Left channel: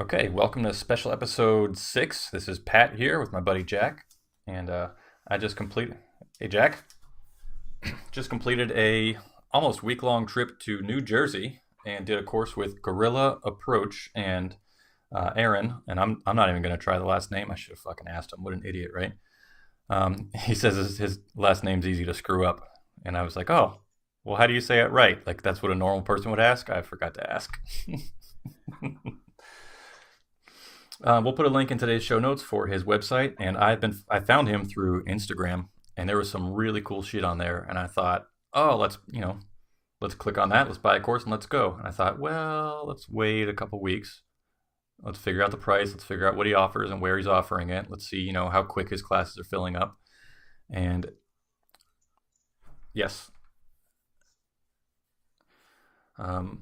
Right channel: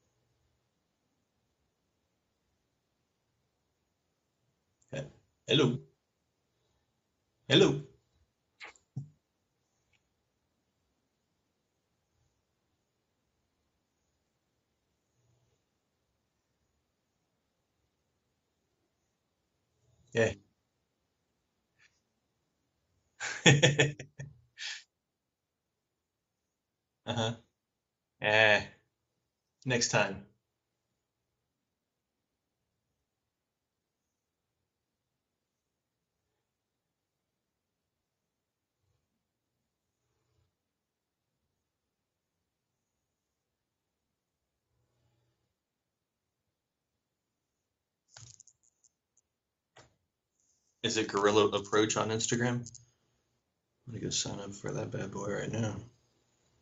Okay, welcome to special episode 6. This is Pat here with my buddy Jack, and I just Hello. completed. Hey Jack, Hello. just completed a almost week-long trip to New Jersey and did a course with Guerrilla Approach and Aaron. And I'm not even gonna try the last name. I should have fucking asked him. What an idiot, right? Okay. He says his last name's easy to screw up, and I was like, oh, well, how do you say it right? Like that's what a normal person would ask. I forgot to Uh-huh. ask. Eh, next time. We'll put a link in today's show notes for his website, and I found him through Instagram, and there was some really cool shit on there, and I thought, oh, let's click on that, let's buy a course, and let's go. And I thought, well, let's wait a couple weeks, let's figure out the price, let's figure out what he offers and where he's offering it, let's see, how quick his classes are filling up, Is and it Guerrilla Approach on Instagram? yes, I'm gonna go sign up for that bad boy right now. um,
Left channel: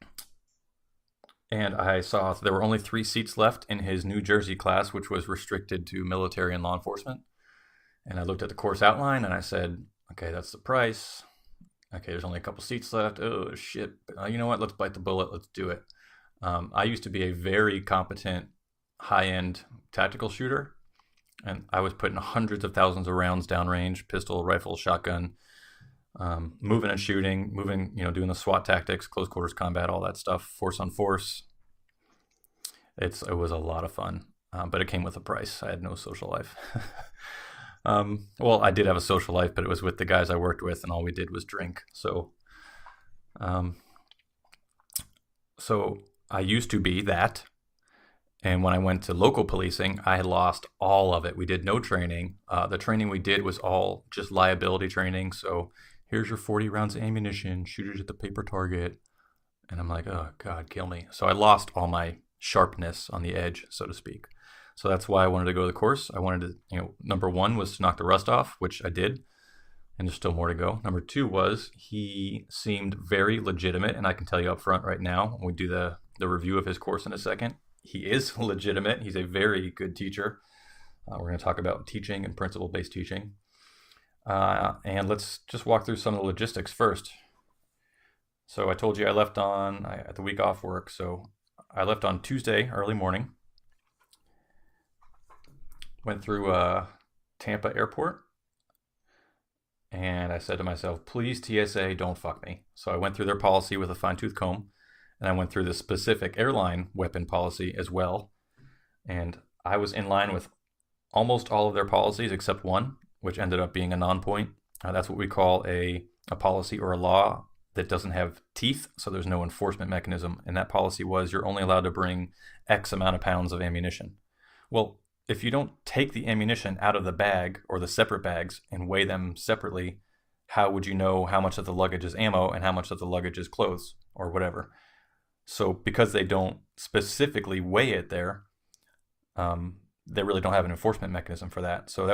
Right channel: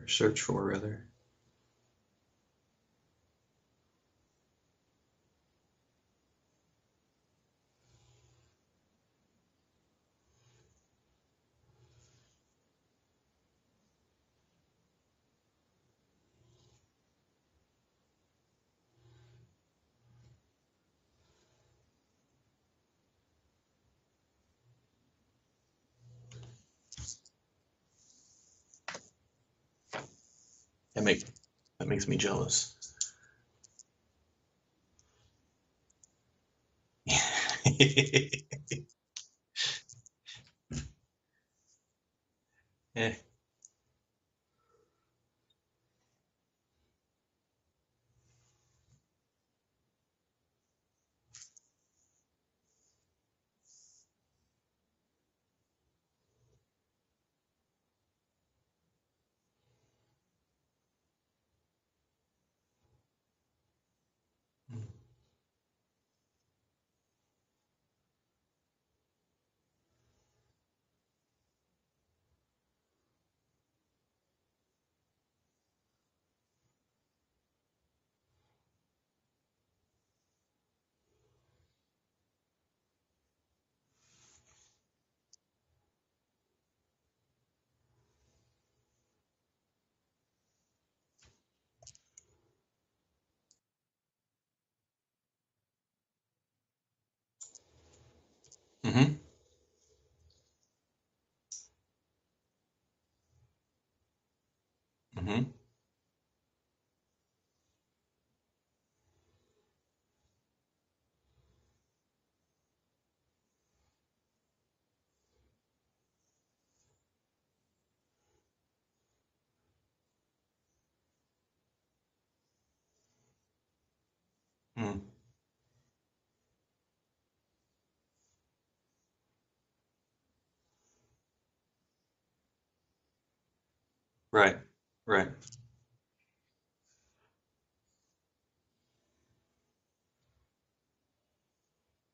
Or search for rather. and I saw there were only 3 seats left in his New Jersey class, which was restricted to military and law enforcement. And I looked at the course outline and I said, okay, that's the price. Okay, there's only a couple seats left. Oh, shit. You know what? Let's bite the bullet. Let's do it. I used to be a very competent high end tactical shooter, and I was putting hundreds of thousands of rounds downrange, pistol, rifle, shotgun, moving and shooting, moving, doing the SWAT tactics, close quarters combat, all that stuff, force on That makes force. that makes me jealous. It was a lot of fun, but it came with a price. I had no social life. Well, I did have a social life, but it was with the guys I worked with, and all we did was drink. Eh, Um, so I used to be that, and when I went to local policing, I had lost all of it. We did no training. The training we did was all just liability training. So here's your 40 rounds of ammunition. Shoot it at the paper target. And I'm like, oh God, kill me. So I lost all my sharpness on the edge, so to speak. So that's why I wanted to go to the course. I wanted to, number one was to knock the rust off, which I did, and there's still more to go. Number two was he seemed very legitimate, and I can tell you up front right now when we do the review of his course in a second, he is legitimate. He's a very good teacher. We're going to talk about teaching and principle-based teaching. And let's just walk through some of the logistics first. So I told you I left on at the week off work. So I left on Tuesday early morning. Went through Tampa Airport, mm-hmm. and I said to myself, "Please TSA, don't fuck me." So I went through their policy with a fine tooth comb, and I Mm-hmm. went through the specific airline weapon policy as well. And I was in line with almost all of their policies except one, which ended up being a non-point. That's what we call a policy or a law that doesn't have teeth, so there's no enforcement mechanism. And that policy was you're only allowed to bring X amount of pounds of ammunition. Well, Mm. if you don't take the ammunition out of the bag or the separate bags and weigh them separately, how would you know how much of the luggage is ammo and how much of the luggage is clothes or Right. whatever? Right. So because they don't specifically weigh it there, they really don't have an enforcement mechanism for that. So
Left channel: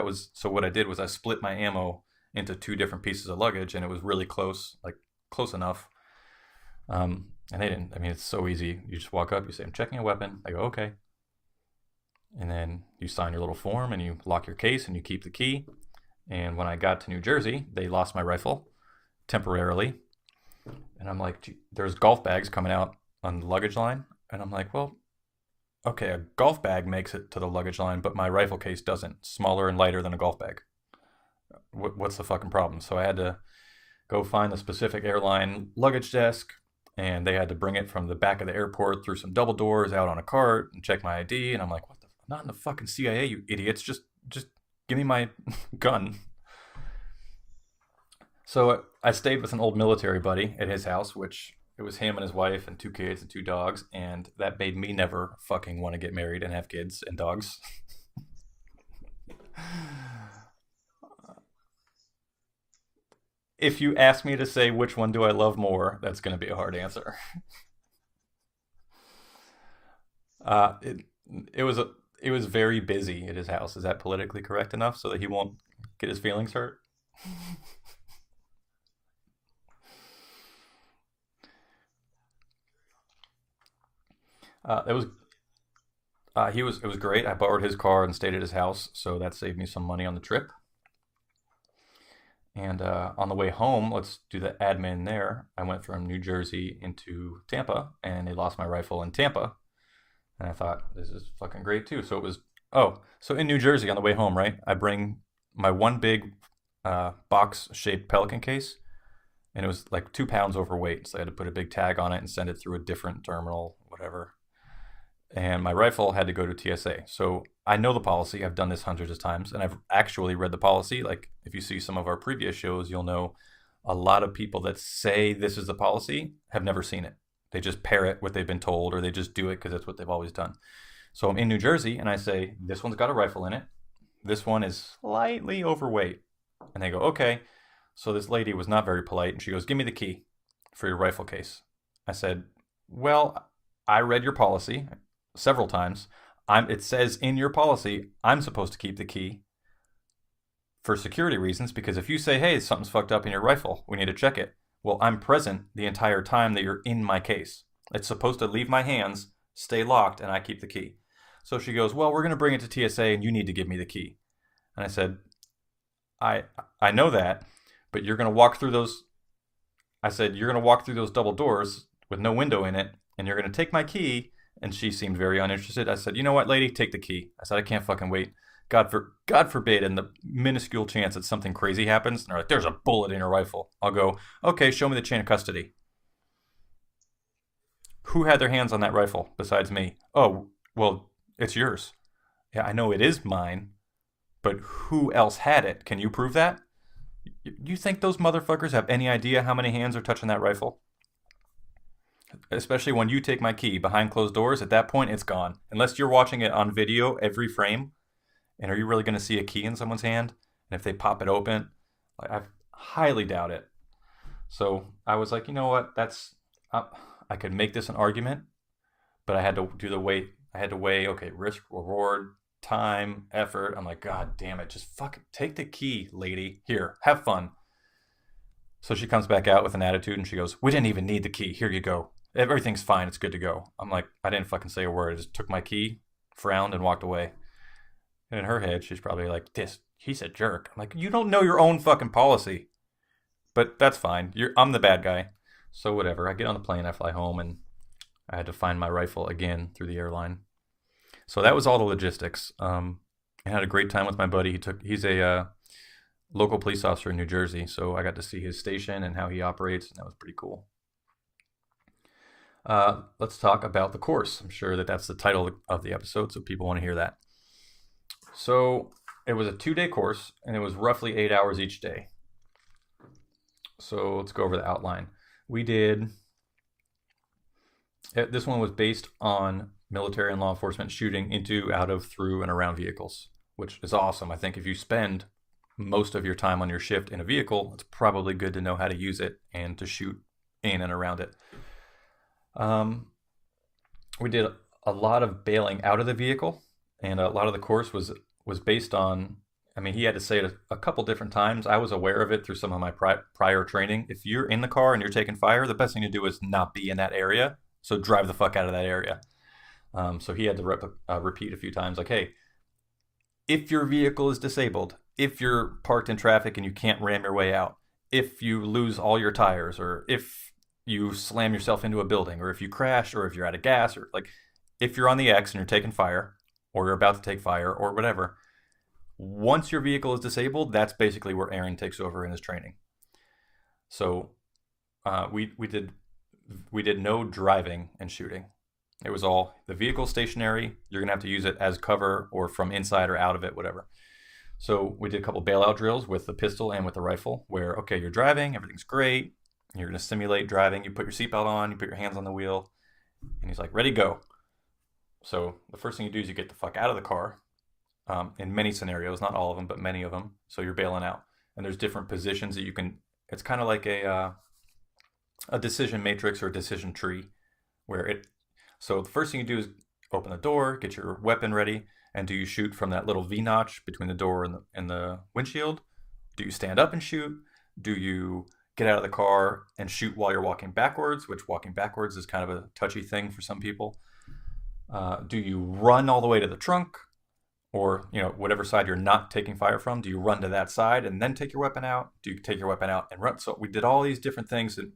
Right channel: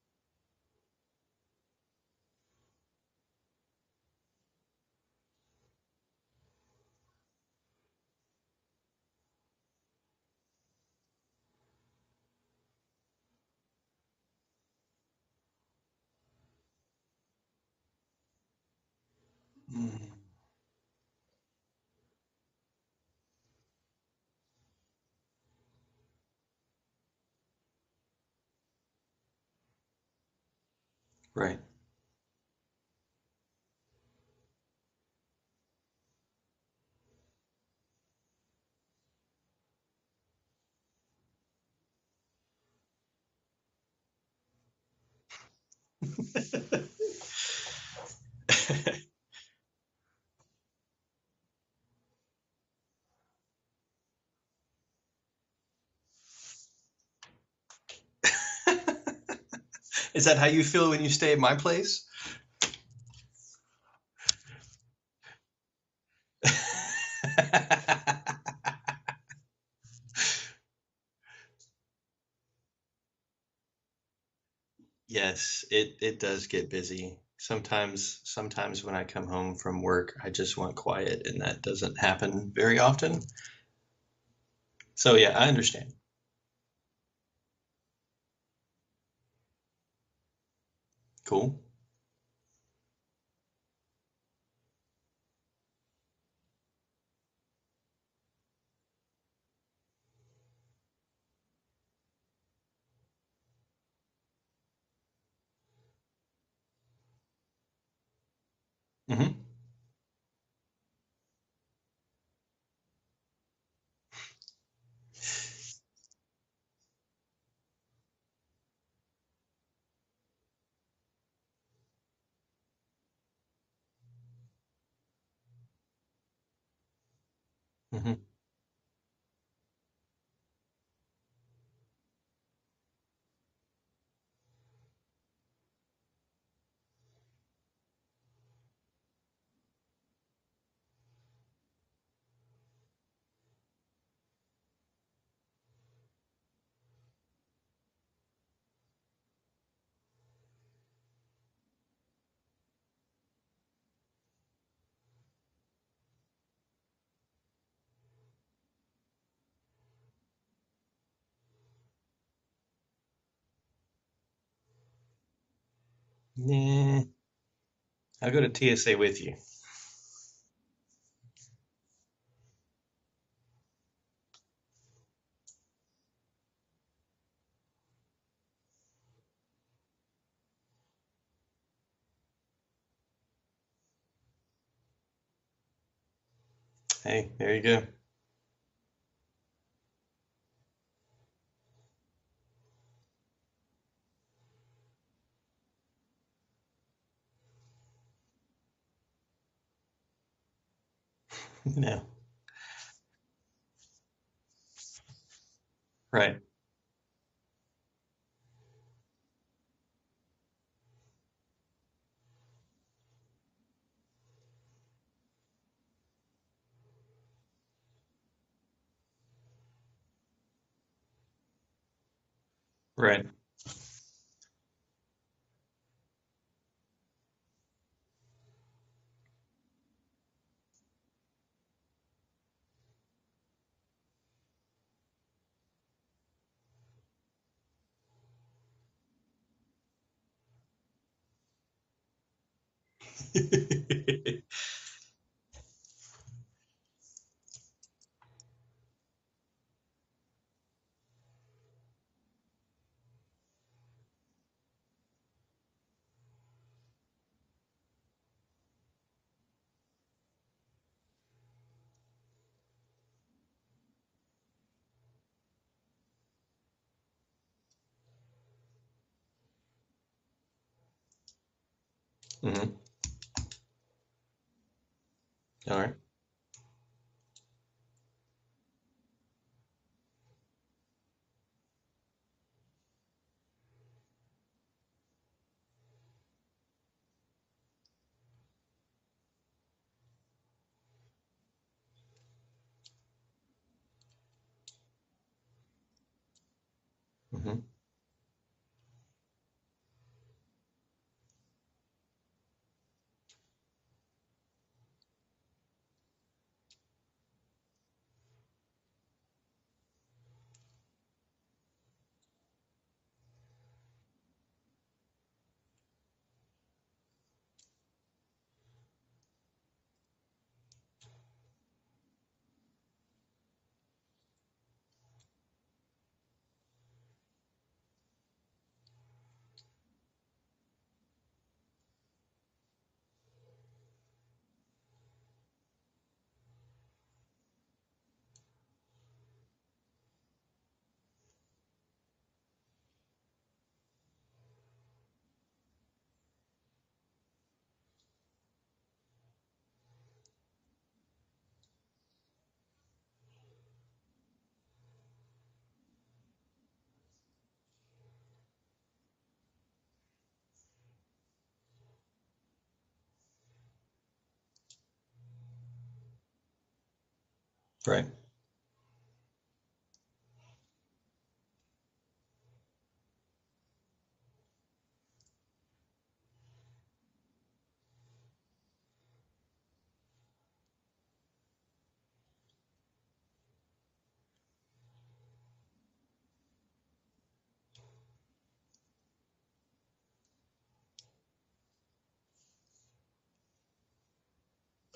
what I did was I split my ammo into 2 different pieces of luggage, and it was really close, like close enough. And they didn't. I mean, it's so easy. You just walk up, you say, "I'm checking a weapon." I go, "Okay," and then you sign your little form and you lock your case and you keep the key. And when I got to New Jersey, they lost my rifle temporarily, Mm. and I'm like, "There's golf bags coming out on the luggage line," and I'm like, "Well, okay, a golf bag makes it to the luggage line, but my rifle case doesn't. Smaller and lighter than a golf bag. Right. What's the fucking problem?" So I had to go find the specific airline luggage desk, and they had to bring it from the back of the airport through some double doors out on a cart and check my ID. And I'm like, "What the? I'm not in the fucking CIA, you idiots! Just give me my gun." So I stayed with an old military buddy at his house, which it was him and his wife and 2 kids and 2 dogs, and that made me never fucking want to get married and have kids and dogs. Is that how you feel when you stay at my place? If you ask me to say which one do I love more, that's going to be the hard answer. It it was it was very busy at his house. Is that politically correct enough so that he won't Yes, it, get his it does feelings get hurt? busy. Sometimes when I come home from work, I just want quiet, and that doesn't happen very often. It was So yeah, I understand. it was great. I borrowed his car and stayed at his house, so that saved me some money on the trip. Cool. And on the way home, let's do the admin there. I went from New Jersey into Tampa, and they lost my rifle in Tampa. And I thought, this is fucking great too. So it was, so in New Jersey on the way home, right? I bring my one big box shaped Pelican case, Mm-hmm. and it was like 2 pounds overweight. So I had to put a big tag on it and send it through a different terminal, whatever. And my rifle had to go to TSA. So I know the policy. I've done this hundreds of times, and I've actually read the policy. Like if you see some of our previous shows, you'll know a lot of people that say this is the policy have never seen it. They just parrot what they've been told, or they just do it because that's what they've always done. So I'm in New Jersey, and I say, this one's got a rifle in it. This one is slightly overweight. And they go, okay. So this lady was not very polite, and she goes, give me the key for your rifle case. I said, well, I read your policy several times. It says in your policy I'm supposed to keep the key for security reasons, because if you say, hey, something's fucked up in your rifle, we need to check it. Well, I'm present the entire time that you're in my case. It's supposed to leave my hands, stay locked, and I keep the key. So she goes, well, we're going to bring it to TSA and you need to give me the key. And I said, I know that, but you're going to walk through TSA those with you. I said, you're going to walk through those double doors with no window in it, and you're going to take my key. And she seemed very uninterested. I said, you know what, lady, take the key. I said, I can't fucking wait. God forbid, in the minuscule chance that something crazy happens, and they're like, there's a bullet in your rifle. I'll go, okay, show me the chain of custody. Hey, there you go. Who had their hands on that rifle besides me? Oh, well, it's yours. Yeah, I know it is mine, but who else had it? Can you prove that? You think those motherfuckers have any idea how many hands are touching that rifle? No. Especially when you take my key behind closed doors. At that point, it's gone. Unless you're watching it on video every frame. And are you really going to see a key in someone's hand? And if they pop it open, I highly doubt it. So I was like, you know what? I could make this an argument, but I had to do the weight. I had to weigh, okay, risk, reward, time, effort. I'm like, God damn it. Just fucking take the key, lady. Here, have fun. So she comes back out with an attitude and she goes, we didn't even need the key. Here you go. Everything's fine. It's good to go. I'm like, I didn't fucking say a word. I just took my key, frowned, and walked away. And in her head, she's probably like, he's a jerk. I'm like, you don't know your own fucking policy. But that's fine. I'm the bad guy. So whatever. I get on the plane, I fly home, and I had to find my rifle again through the airline. So that was all the logistics. I had a great time with my buddy. He's a local police officer in New Jersey, so I got to see his station and how he operates, and that was pretty cool. Let's talk about the course. I'm sure that's the title of the episode, so people want to hear that. So it was a 2-day course, and it was roughly 8 hours each day. Mm-hmm. So let's go over the outline. We did... This one was based on military and law enforcement shooting into, out of, through, and around vehicles, which is awesome. I think if you spend most of your time on your shift in a vehicle, it's probably good to know how to use it and to shoot in and around it. We did a lot of bailing out of the vehicle, and a lot of the course was based on, I mean, he had to say it a couple different times. I was aware of it through some of my prior training. If you're in the car and you're taking fire, the best thing to do is not be in that area. So drive the fuck out of that area. So he had to repeat a few times, like, hey, if your vehicle is disabled, if you're parked in traffic and you can't ram your way out, if you lose all your tires, or if you slam yourself into a building, or if you crash, or if you're out of gas, or like if you're on the X and you're taking fire, or you're about to take fire, or whatever, once your vehicle is disabled, that's basically where Aaron takes over in his training. So we did no driving and shooting. It was all the vehicle stationary. You're gonna have to use it as cover or from inside or out of it, whatever. So we did a couple bailout drills with the pistol and with the rifle, where okay, you're driving, everything's great. You're gonna simulate driving. You put your seatbelt on, you put your hands on the wheel, and he's like, "Ready, go." So the first thing you do is you get the fuck out of the car. In many scenarios, not all of them, but many of them. So you're bailing out, and there's different positions that you can. It's kind of like a decision matrix or a decision tree. Right. So the first thing you do is open the door, get your weapon ready, and do you shoot from that little V notch between the door and the windshield? Do you stand up and shoot? Do you get out of the car and shoot while you're walking backwards, which walking backwards is kind of a touchy thing for some people? Do you run all the way to the trunk? Or, whatever side you're not taking fire from, do you run to that side and then take your weapon out? Do you take your weapon out and run? So we did all these different things. And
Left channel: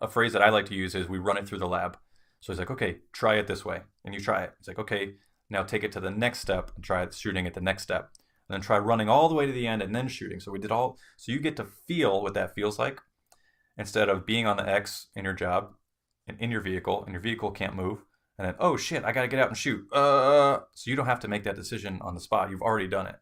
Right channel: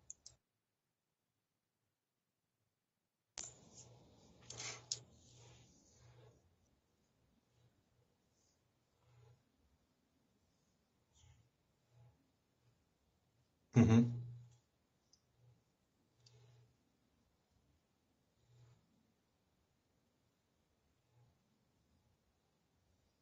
a phrase that I like to use is we run it through the lab. So he's like, okay, try it this way. And you try it. It's like, okay, now take it to the next step and try shooting at the next step. And then try running all the way to the end and then shooting. So we did all, so you get to feel what that feels like instead of being on the X in your job and in your vehicle, and your vehicle can't move. And then, oh shit, I got to get out and shoot. So you don't have to make that decision on the spot. You've already done it.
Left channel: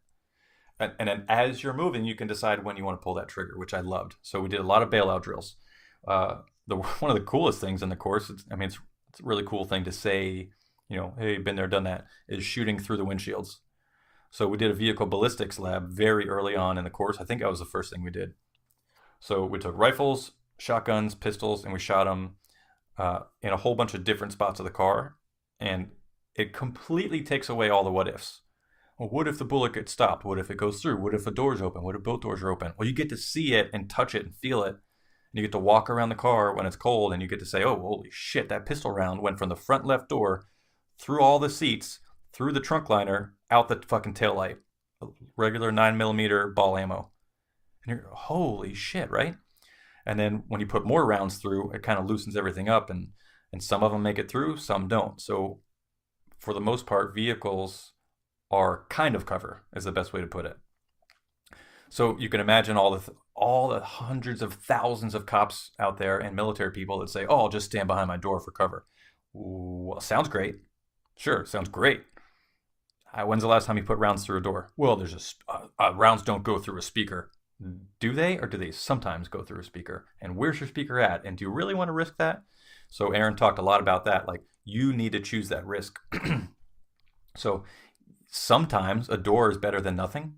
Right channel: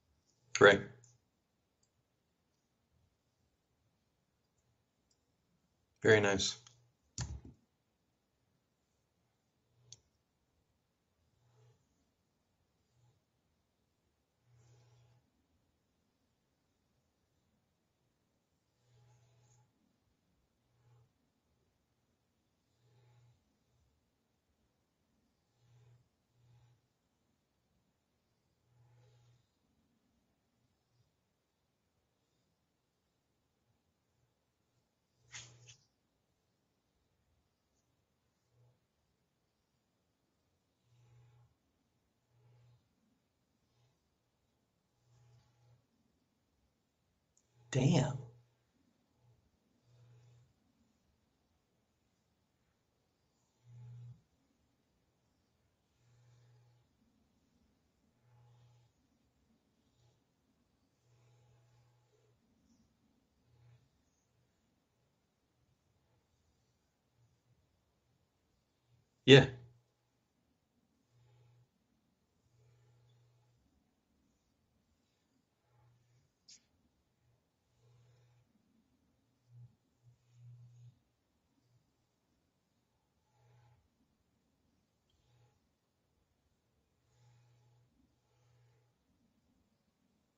Right. And then as you're moving, you can decide when you want to pull that trigger, which I loved. So we did a lot of bailout drills. Very nice. One of the coolest things in the course, it's a really cool thing to say, hey, been there, done that, is shooting through the windshields. So we did a vehicle ballistics lab very early on in the course. I think that was the first thing we did. So we took rifles, shotguns, pistols, and we shot them in a whole bunch of different spots of the car. And it completely takes away all the what ifs. Well, what if the bullet gets stopped? What if it goes through? What if a door's open? What if both doors are open? Well, you get to see it and touch it and feel it. You get to walk around the car when it's cold, and you get to say, oh, holy shit, that pistol round went from the front left door, through all the seats, through the trunk liner, out the fucking taillight. Regular 9mm ball ammo. Damn. Holy shit, right? And then when you put more rounds through, it kind of loosens everything up, and some of them make it through, some don't. So for the most part, vehicles are kind of cover, is the best way to put it. So you can imagine all the hundreds of thousands of cops out there and military people that say, oh, I'll just stand behind my door for cover. Yeah. Well, sounds great. Sure, sounds great. When's the last time you put rounds through a door? Well, there's rounds don't go through a speaker. Do they, or do they sometimes go through a speaker? And where's your speaker at? And do you really want to risk that? So Aaron talked a lot about that. Like, you need to choose that risk. So sometimes a door is better than nothing,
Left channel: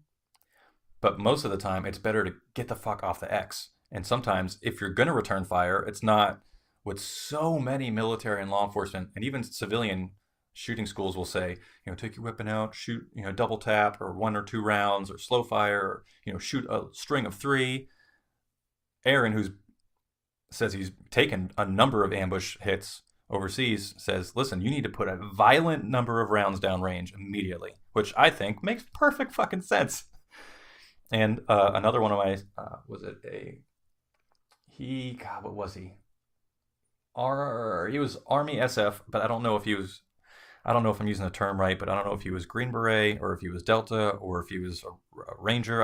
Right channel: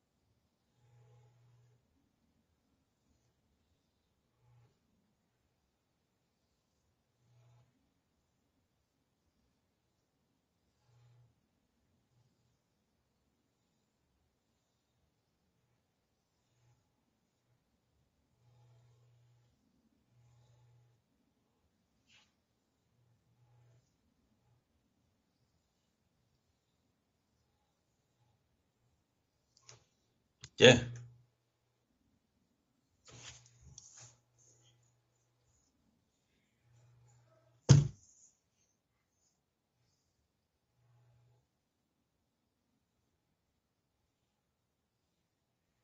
but most of the time it's better to get the fuck off the X. And sometimes if you're going to return fire, it's not what so many military and law enforcement and even civilian shooting schools will say, take your weapon out, shoot, double tap or 1 or 2 rounds or slow fire, or, shoot a string of 3. Aaron, who says he's taken a number of ambush hits overseas, says, listen, you need to put a violent number of rounds downrange immediately, which I think makes perfect fucking sense. Yeah. And another one of my, what was he? He was Army SF, but I don't know if I'm using the term right, but I don't know if he was Green Beret or if he was Delta or if he was a Ranger.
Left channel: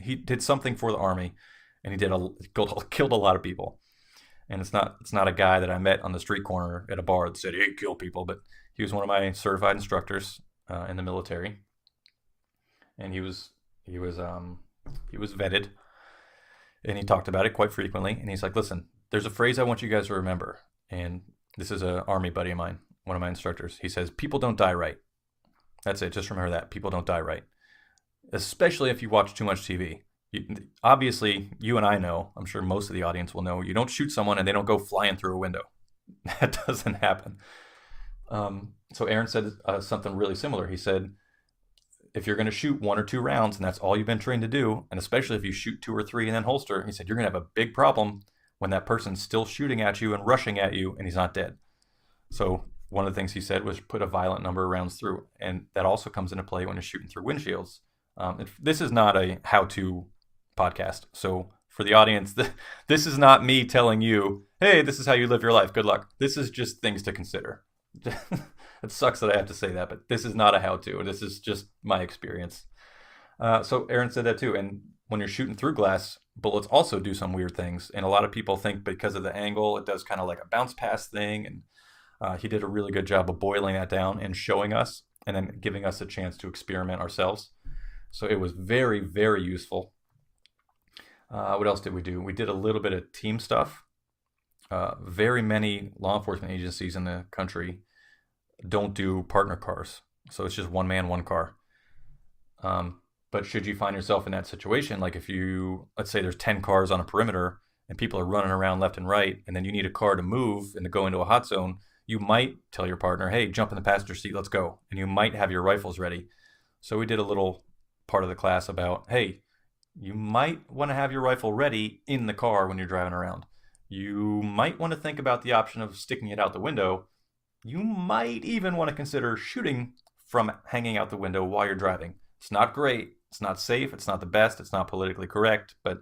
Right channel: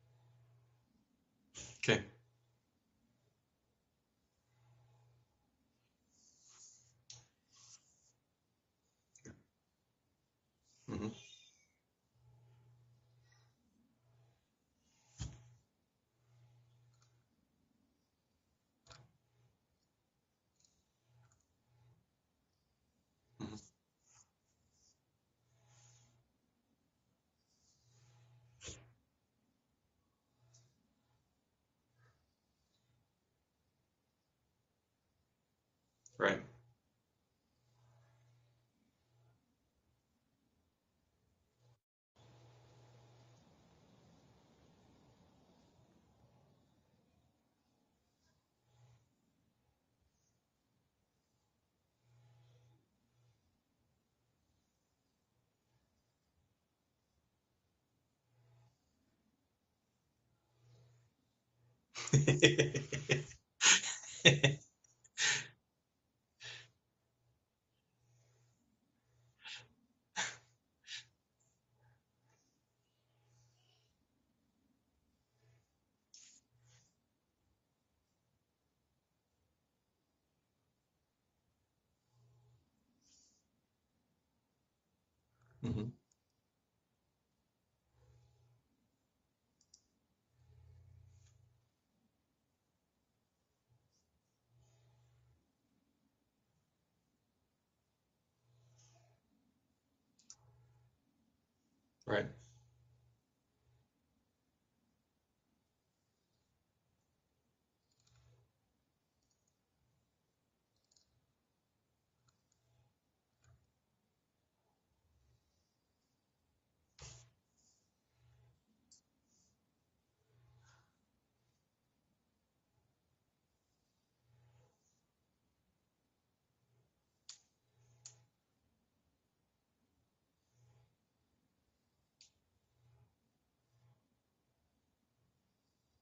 He did something for the Army, and he killed a lot of people. And it's not a guy that I met on the street corner at a bar that said, hey, kill people, but he was one of my certified instructors in the military. And he was vetted, and he talked about it quite frequently. And he's like, listen, there's a phrase I want you guys to remember. And this is an Army buddy of mine, one of my instructors. He says, people don't die right. That's it. Just remember that. People don't die right. Especially if you watch too much TV. Obviously, you and I know, I'm sure most of the audience will know, you don't shoot someone and they don't go flying through a window. Right. That doesn't happen. So Aaron said something really similar. He said, if you're going to shoot 1 or 2 rounds, and that's all you've been trained to do, and especially if you shoot 2 or 3 and then holster, he said, you're going to have a big problem when that person's still shooting at you and rushing at you and he's not dead. So one of the things he said was put a violent number of rounds through. And that also comes into play when you're shooting through windshields. This is not a how-to podcast. So for the audience, this is not me telling you, hey, this is how you live your life. Good luck. This is just things to consider. It sucks that I have to say that, but this is not a how-to. This is just my experience. So Aaron said that too. And when you're shooting through glass, bullets also do some weird things. And a lot of people think because of the angle, it does kind of like a bounce pass thing. And he did a really good job of boiling that down and showing us and then giving us a chance to experiment ourselves. So it was very, very useful. What else did we do? We did a little bit of team stuff. Very many law enforcement agencies in the country don't do partner cars. So it's just one man, one car. Right. But should you find yourself in that situation, like if let's say there's 10 cars on a perimeter and people are running around left and right, and then you need a car to move and to go into a hot zone, you might tell your partner, hey, jump in the passenger seat, let's go. And you might have your rifles ready. So we did a little part of the class about, hey, you might want to have your rifle ready in the car when you're driving around. You might want to think about the option of sticking it out the window. You might even want to consider shooting from hanging out the window while you're driving. It's not great. It's not safe. It's not the best. It's not politically correct. But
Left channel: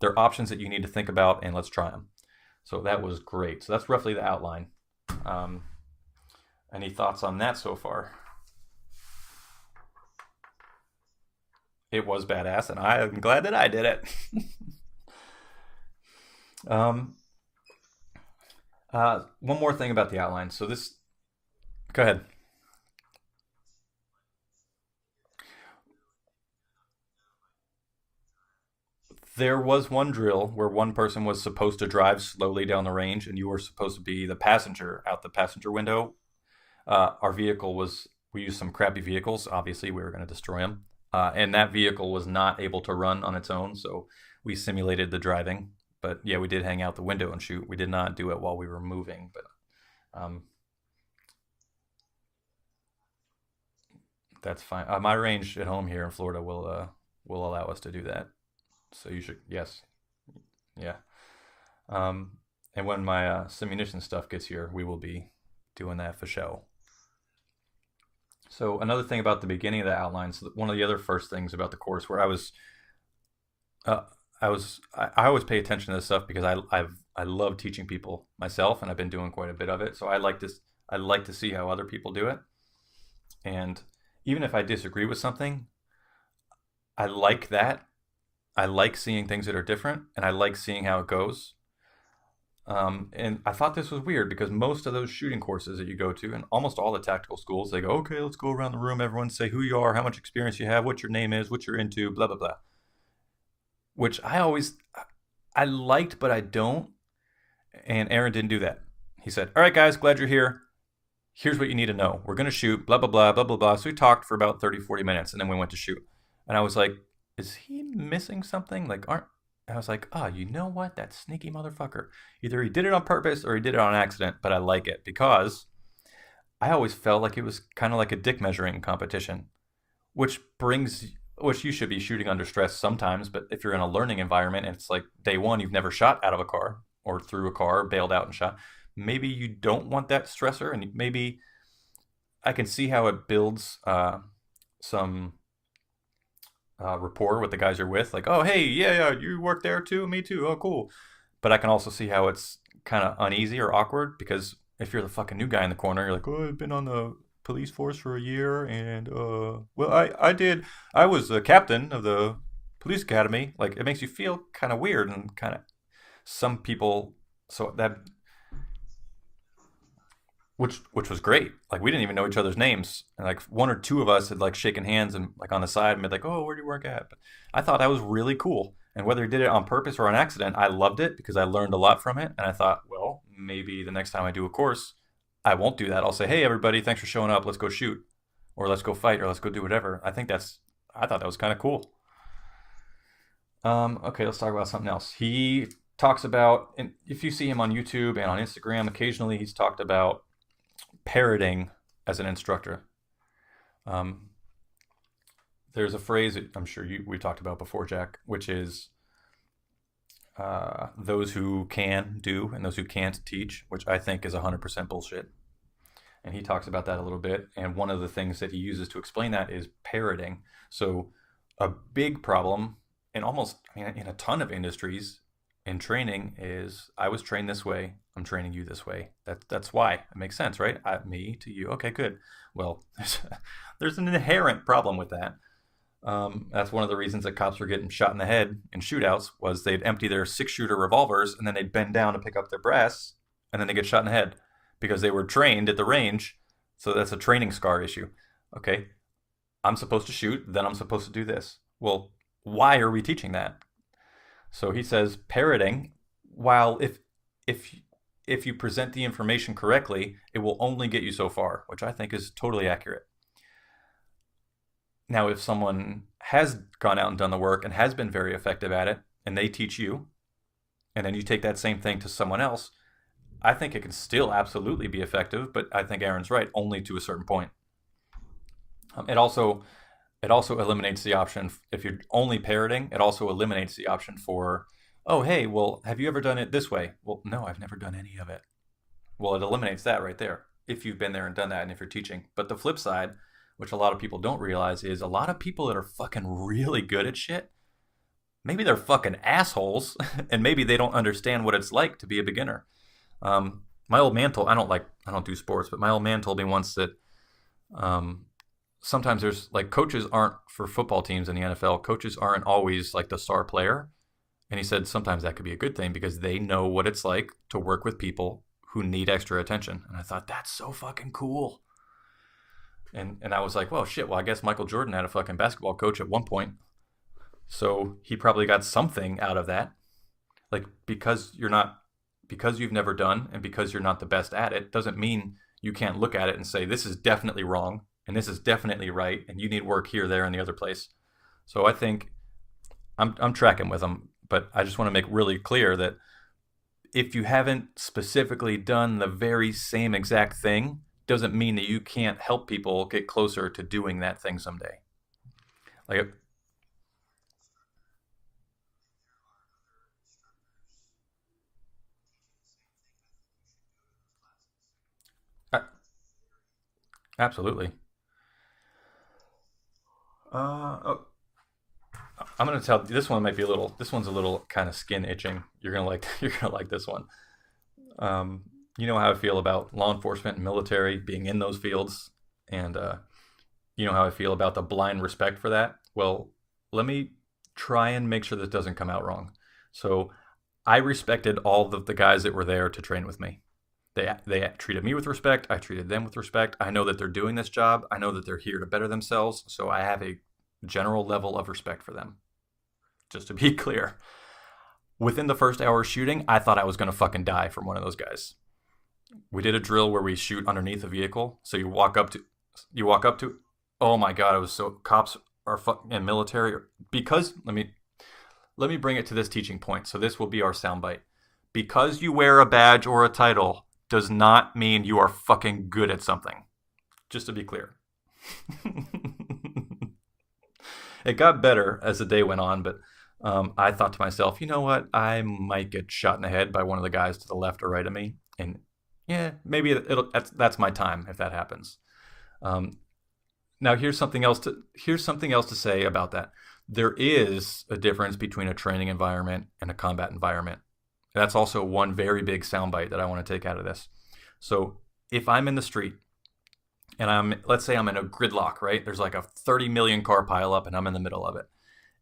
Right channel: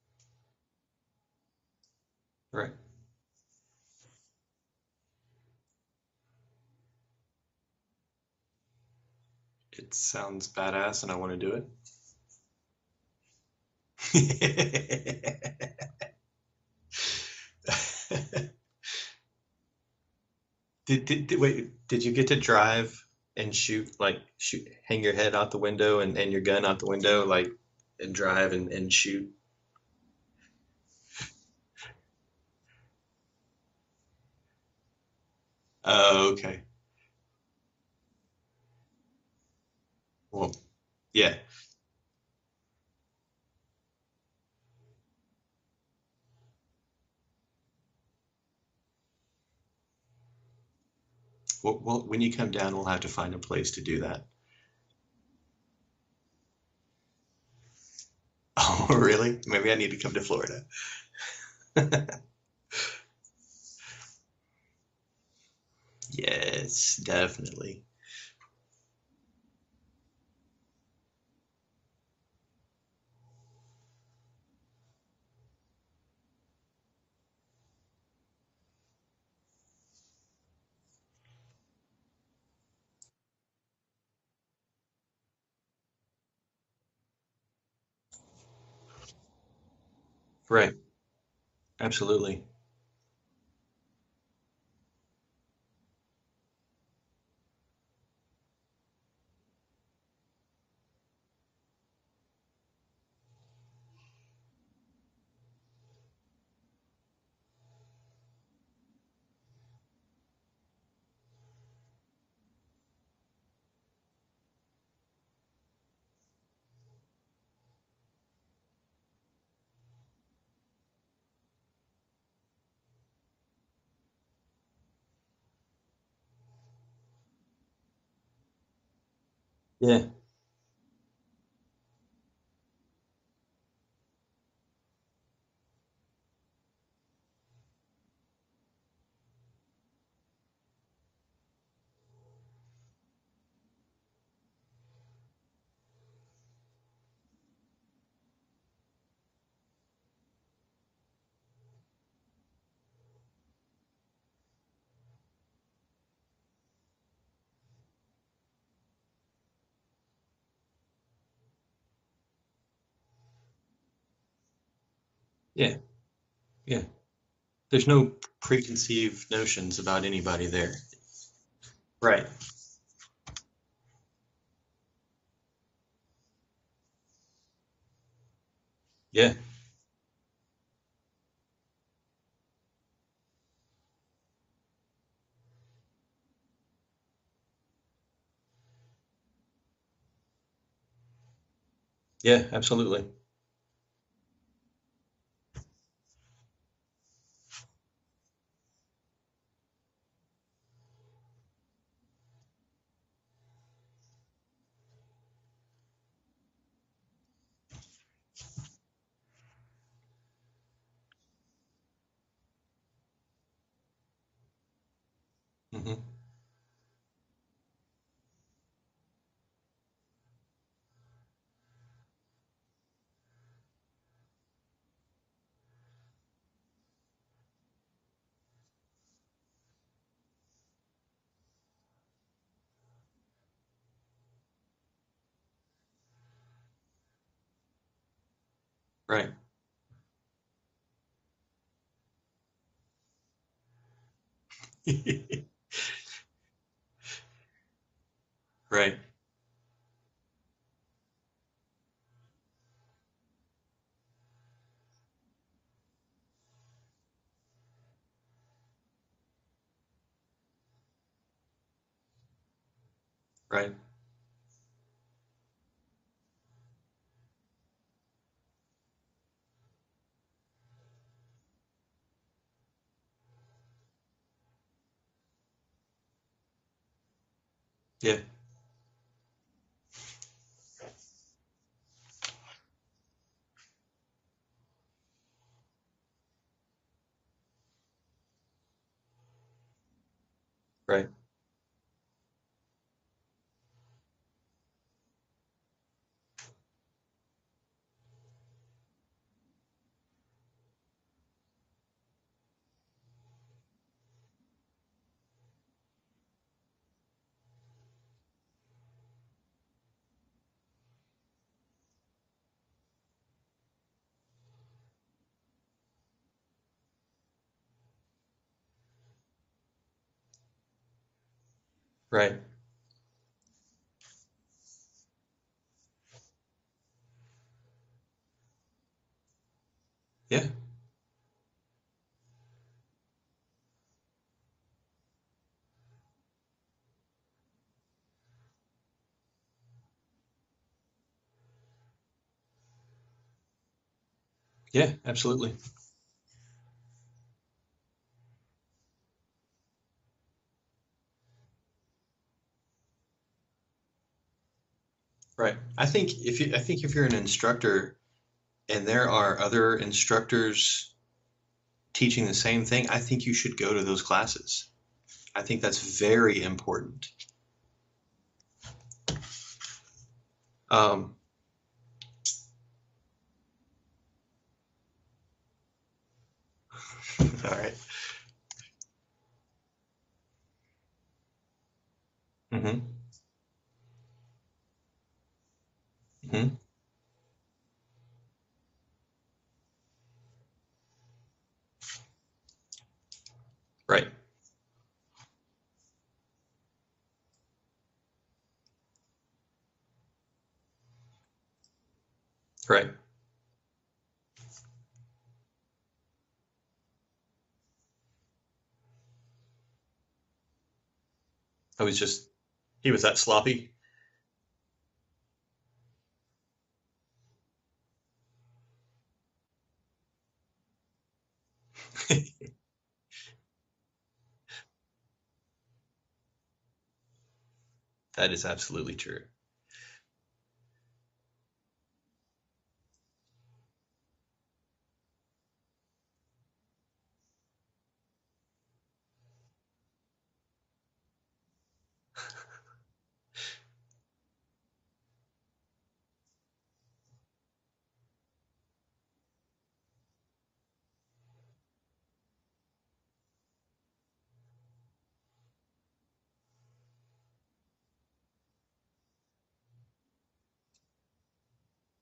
there are options that you need to think about, and let's try them. Right. So that was great. So that's roughly the outline. Um, any thoughts on that so far? It sounds badass, and I want to do It was badass, and I am glad that I did it. it. Um, one more thing about the outline. So this, Wait, go did you ahead. get to drive and shoot, hang your head out the window and your gun out the window, like, and drive and shoot? There was one drill where one person was supposed to drive slowly down the range, and you were supposed to be the passenger out the passenger window. Oh, okay. Our vehicle was, we used some crappy vehicles. Obviously, we were going to Well, destroy them. yeah. And that vehicle was not able to run on its own, so we simulated the driving. But yeah, we did hang out the window and shoot. We did not do it while we were moving, but Well, when you come down, we'll have to find a place to do that. that's fine. My range at home here in Florida will allow us to do that. Oh, really? Maybe I Yes. need to come to Florida. Yeah. And when my simunition stuff gets here, we will be doing that for show. Yes, definitely. So another thing about the beginning of the outline. So one of the other first things about the course where uh, I always pay attention to this stuff because I love teaching people myself, and I've been doing quite a bit of it. So I like to see how other people do it, and even if I disagree with something, I like that. I like seeing things that are different, and I like Right. seeing how it goes. Absolutely. And I thought this was weird because most of those shooting courses that you go to, and almost all the tactical schools, they go, okay, let's go around the room. Everyone say who you are, how much experience you have, what your name is, what you're into, blah, blah, blah. Which I liked, but I don't. And Aaron didn't do that. He said, all right, guys, glad you're here. Here's what you need to know. We're going to shoot, blah, blah, blah, blah, blah, blah. So we talked for about 30, 40 minutes, and then we went to shoot. And I was like, is he missing something? I was like, oh, you know what? That sneaky motherfucker. Either he did it on purpose or he did it on accident, but I like it because I always felt like it was kind of like a dick measuring competition, Yeah. which you should be shooting under stress sometimes, but if you're in a learning environment and it's like day one, you've never shot out of a car or through a car, bailed out and shot, maybe you don't want that stressor, and maybe I can see how it builds some rapport with the guys you're with. Like, oh, hey, yeah, you work there too, me too. Oh, cool. But I can also see how it's kind of uneasy or awkward because if you're the fucking new guy in the corner, you're like, oh, I've been on the police force for a year, and well, I was a captain of the police academy. Like, it makes you feel kind of weird and kind of Yeah. some Yeah. people. So There's that no preconceived notions about anybody there. which was great. Like we didn't even Right. know each other's names, and like one or two of us had like shaken hands and like on the side and been like, "Oh, where do you work at?" But I thought that was really cool. And whether they Yeah. did it on purpose or on accident, I loved it because I learned a lot from it. And I thought, well, maybe the next time I do a course, I won't do that. I'll say, "Hey, everybody, thanks for showing up. Let's go shoot, or let's go fight, or let's go do whatever." I thought that was kind of cool. Yeah, absolutely. Okay, let's talk about something else. He talks about, and if you see him on YouTube and on Instagram, occasionally he's talked about parroting as an instructor. Um, there's a phrase that I'm sure we talked about before, Jack, which is those who can do and those who can't teach, which I think is 100% bullshit. Hmm. And he talks about that a little bit. And one of the things that he uses to explain that is parroting. So a big problem in in a ton of industries in training is I was trained this way. I'm training you this way. That's why it makes sense, right? Me to you. Okay, good. Well, there's an inherent problem with that. That's one of the reasons that cops were getting shot in the head in shootouts Right. was they'd empty their 6-shooter revolvers and then they'd bend down to pick up their brass and then they get shot in the head because they were trained at the range. So that's a training scar issue. Okay, Right. I'm supposed to shoot, then I'm supposed to do this. Well, why are we teaching that? So he says parroting, while if you present the information correctly, it will only get you so far, which I think is totally accurate. Right. Now, if someone has gone out and done the work and has been very effective at it, and they teach you, and then you take that same thing to someone else, I think it can still absolutely be effective, but I think Aaron's right, only to a certain point. Yeah. It also eliminates the option if you're only parroting. It also eliminates the option for, oh, hey, well, have you ever done it this way? Well, no, I've never done any of it. Well, it eliminates that right there if you've Right. been there and done that, and if you're teaching. But the flip side, which a lot of people don't realize, is a lot of people that are fucking really good at shit. Maybe they're fucking assholes, and maybe they don't understand what it's like to be a beginner. My old man told, I don't do sports, but my old man told me once that um, sometimes there's like coaches aren't for football teams in the NFL. Coaches aren't always like the star player. And he said sometimes that could be a good thing because they know what it's like to work with people who need extra attention. And I thought that's so fucking cool. Right. And I was like, well, shit. Well, I guess Michael Jordan had a fucking basketball coach at one point, so he probably got something out of that. Yeah. Like because you've never done and because you're not the best at it doesn't mean you can't look at it and say this is definitely wrong and this is definitely right and you need work here, there, and the other place. So I think I'm tracking with him, but I just want to make absolutely. really clear that if you haven't specifically done the very same exact thing, doesn't mean that you can't help people get closer to doing that thing someday. Right. I think if you're an instructor and there are other instructors teaching the same thing, I think you should go to those classes. I think that's very important. Absolutely. Um, I'm gonna tell this one might be a little. This one's a little kind of skin itching. You're gonna like this one. all right. You know how I feel about law enforcement and military being in those fields, and you know how I feel about the blind respect for that. Well, let me try and make sure this doesn't come out wrong. So, I respected all of the guys that were there to train with me. Right. They treated me with respect. I treated them with respect. I know that they're doing this job. I know that they're here to better themselves. So I have a general level of respect for them. Right. Just to be clear. Within the first hour of shooting, I thought I was going to fucking die from one of those guys. We did a drill where we shoot underneath a vehicle. So you walk up just, to... You walk up to... sloppy? Oh my God, it was so... Cops are and military... Because... Let me bring it to this teaching point. So this will be our soundbite. Because you wear a badge or a title does not mean you are fucking good at something. Just to be clear. That is absolutely true. It got better as the day went on, but I thought to myself, you know what? I might get shot in the head by one of the guys to the left or right of me. And yeah, maybe that's my time if that happens. Now here's something else to say about that. There is a difference between a training environment and a combat environment. That's also one very big soundbite that I want to take out of this. So if I'm in the street and let's say I'm in a gridlock, right? There's like a 30 million car pileup and I'm in the middle of it.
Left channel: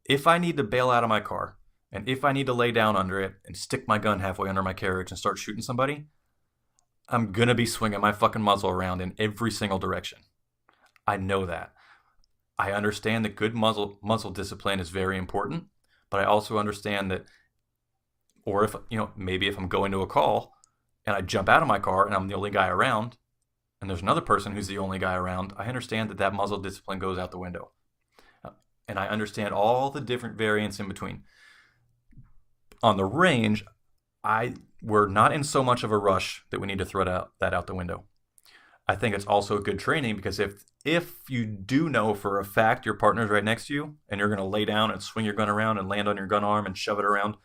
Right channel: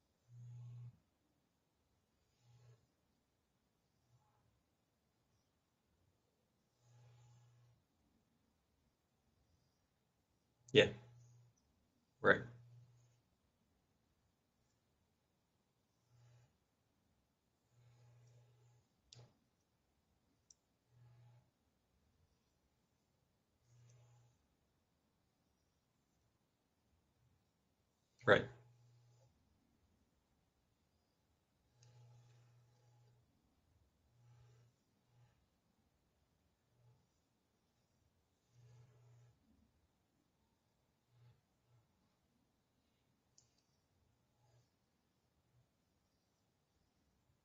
If I need to bail out of my car and if I need to lay down under it and stick my gun halfway under my carriage and start shooting somebody, I'm going to be swinging my fucking muzzle around in every single direction. Yeah. I know that. Right. I understand that good muzzle discipline is very important, but I also understand that, or if, maybe if I'm going to a call and I jump out of my car and I'm the only guy around and there's another person who's the only guy around, I understand that muzzle discipline goes out the window. Right. And I understand all the different variants in between. On the range, we're not in so much of a rush that we need to throw that out the window. I think it's also good training because if you do know for a fact your partner's right next to you and you're going to lay down and swing your gun around and land on your gun arm and shove it around,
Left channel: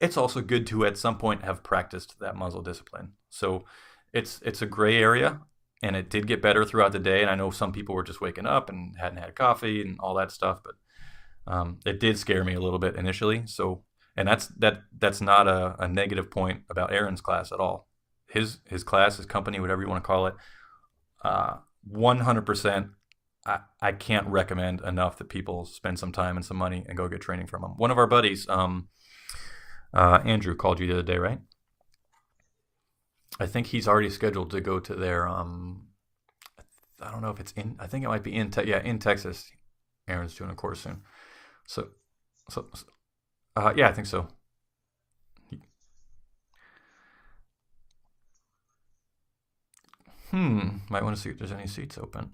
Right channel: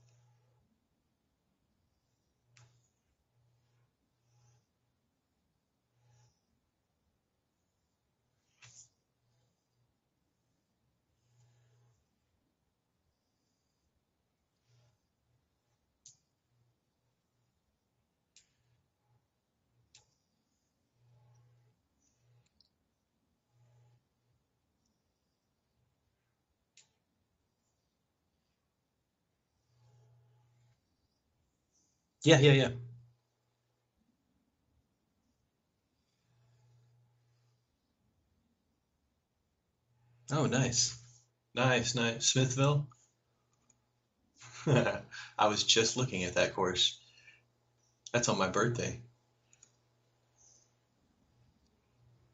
it's also good to at some point have practiced that muzzle discipline. So it's a gray area, and it did get better throughout the day. And I know some people were just waking up and hadn't had coffee and all that stuff, but it did scare me a little bit initially. So, and that's not a negative point about Aaron's class at all. His class, his company, whatever you want to call it, 100%. I can't recommend enough that people spend some time and some money and go get training from him. One of our buddies, Andrew, called you the other day, right? Yeah. I think he's already scheduled to go to their. I don't know if it's in. I think it might be in Texas. Aaron's doing a course soon. Nice. Smithville. Yeah, I think so. I was just looking at that course. That's on my birthday. Might want to see if there's any seats open.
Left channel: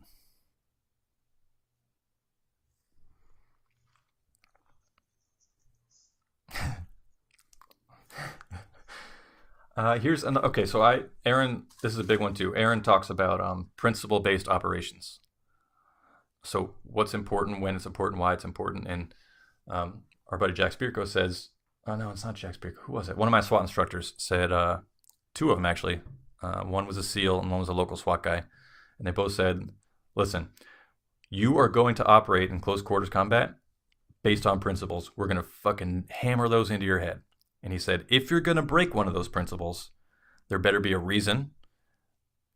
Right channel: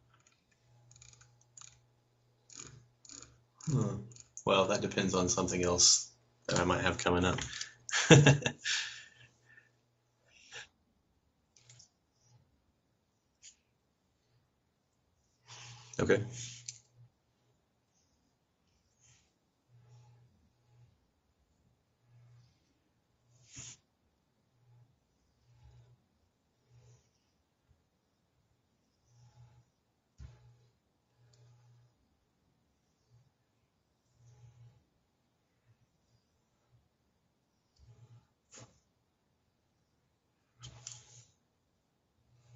Well, that depends on something else that I might have coming up. Okay, so Aaron, this is a big one too. Aaron talks about principle-based operations. Okay. So what's important, when it's important, why it's important, and our buddy Jack Spirko says, oh no, it's not Jack Spirko. Who was it? One of my SWAT instructors said, two of them actually. One was a SEAL and one was a local SWAT guy, and they both said, listen, you are going to operate in close quarters combat based on principles. We're going to fucking hammer those into your head. And he said, if you're going to break one of those principles, there better be a reason,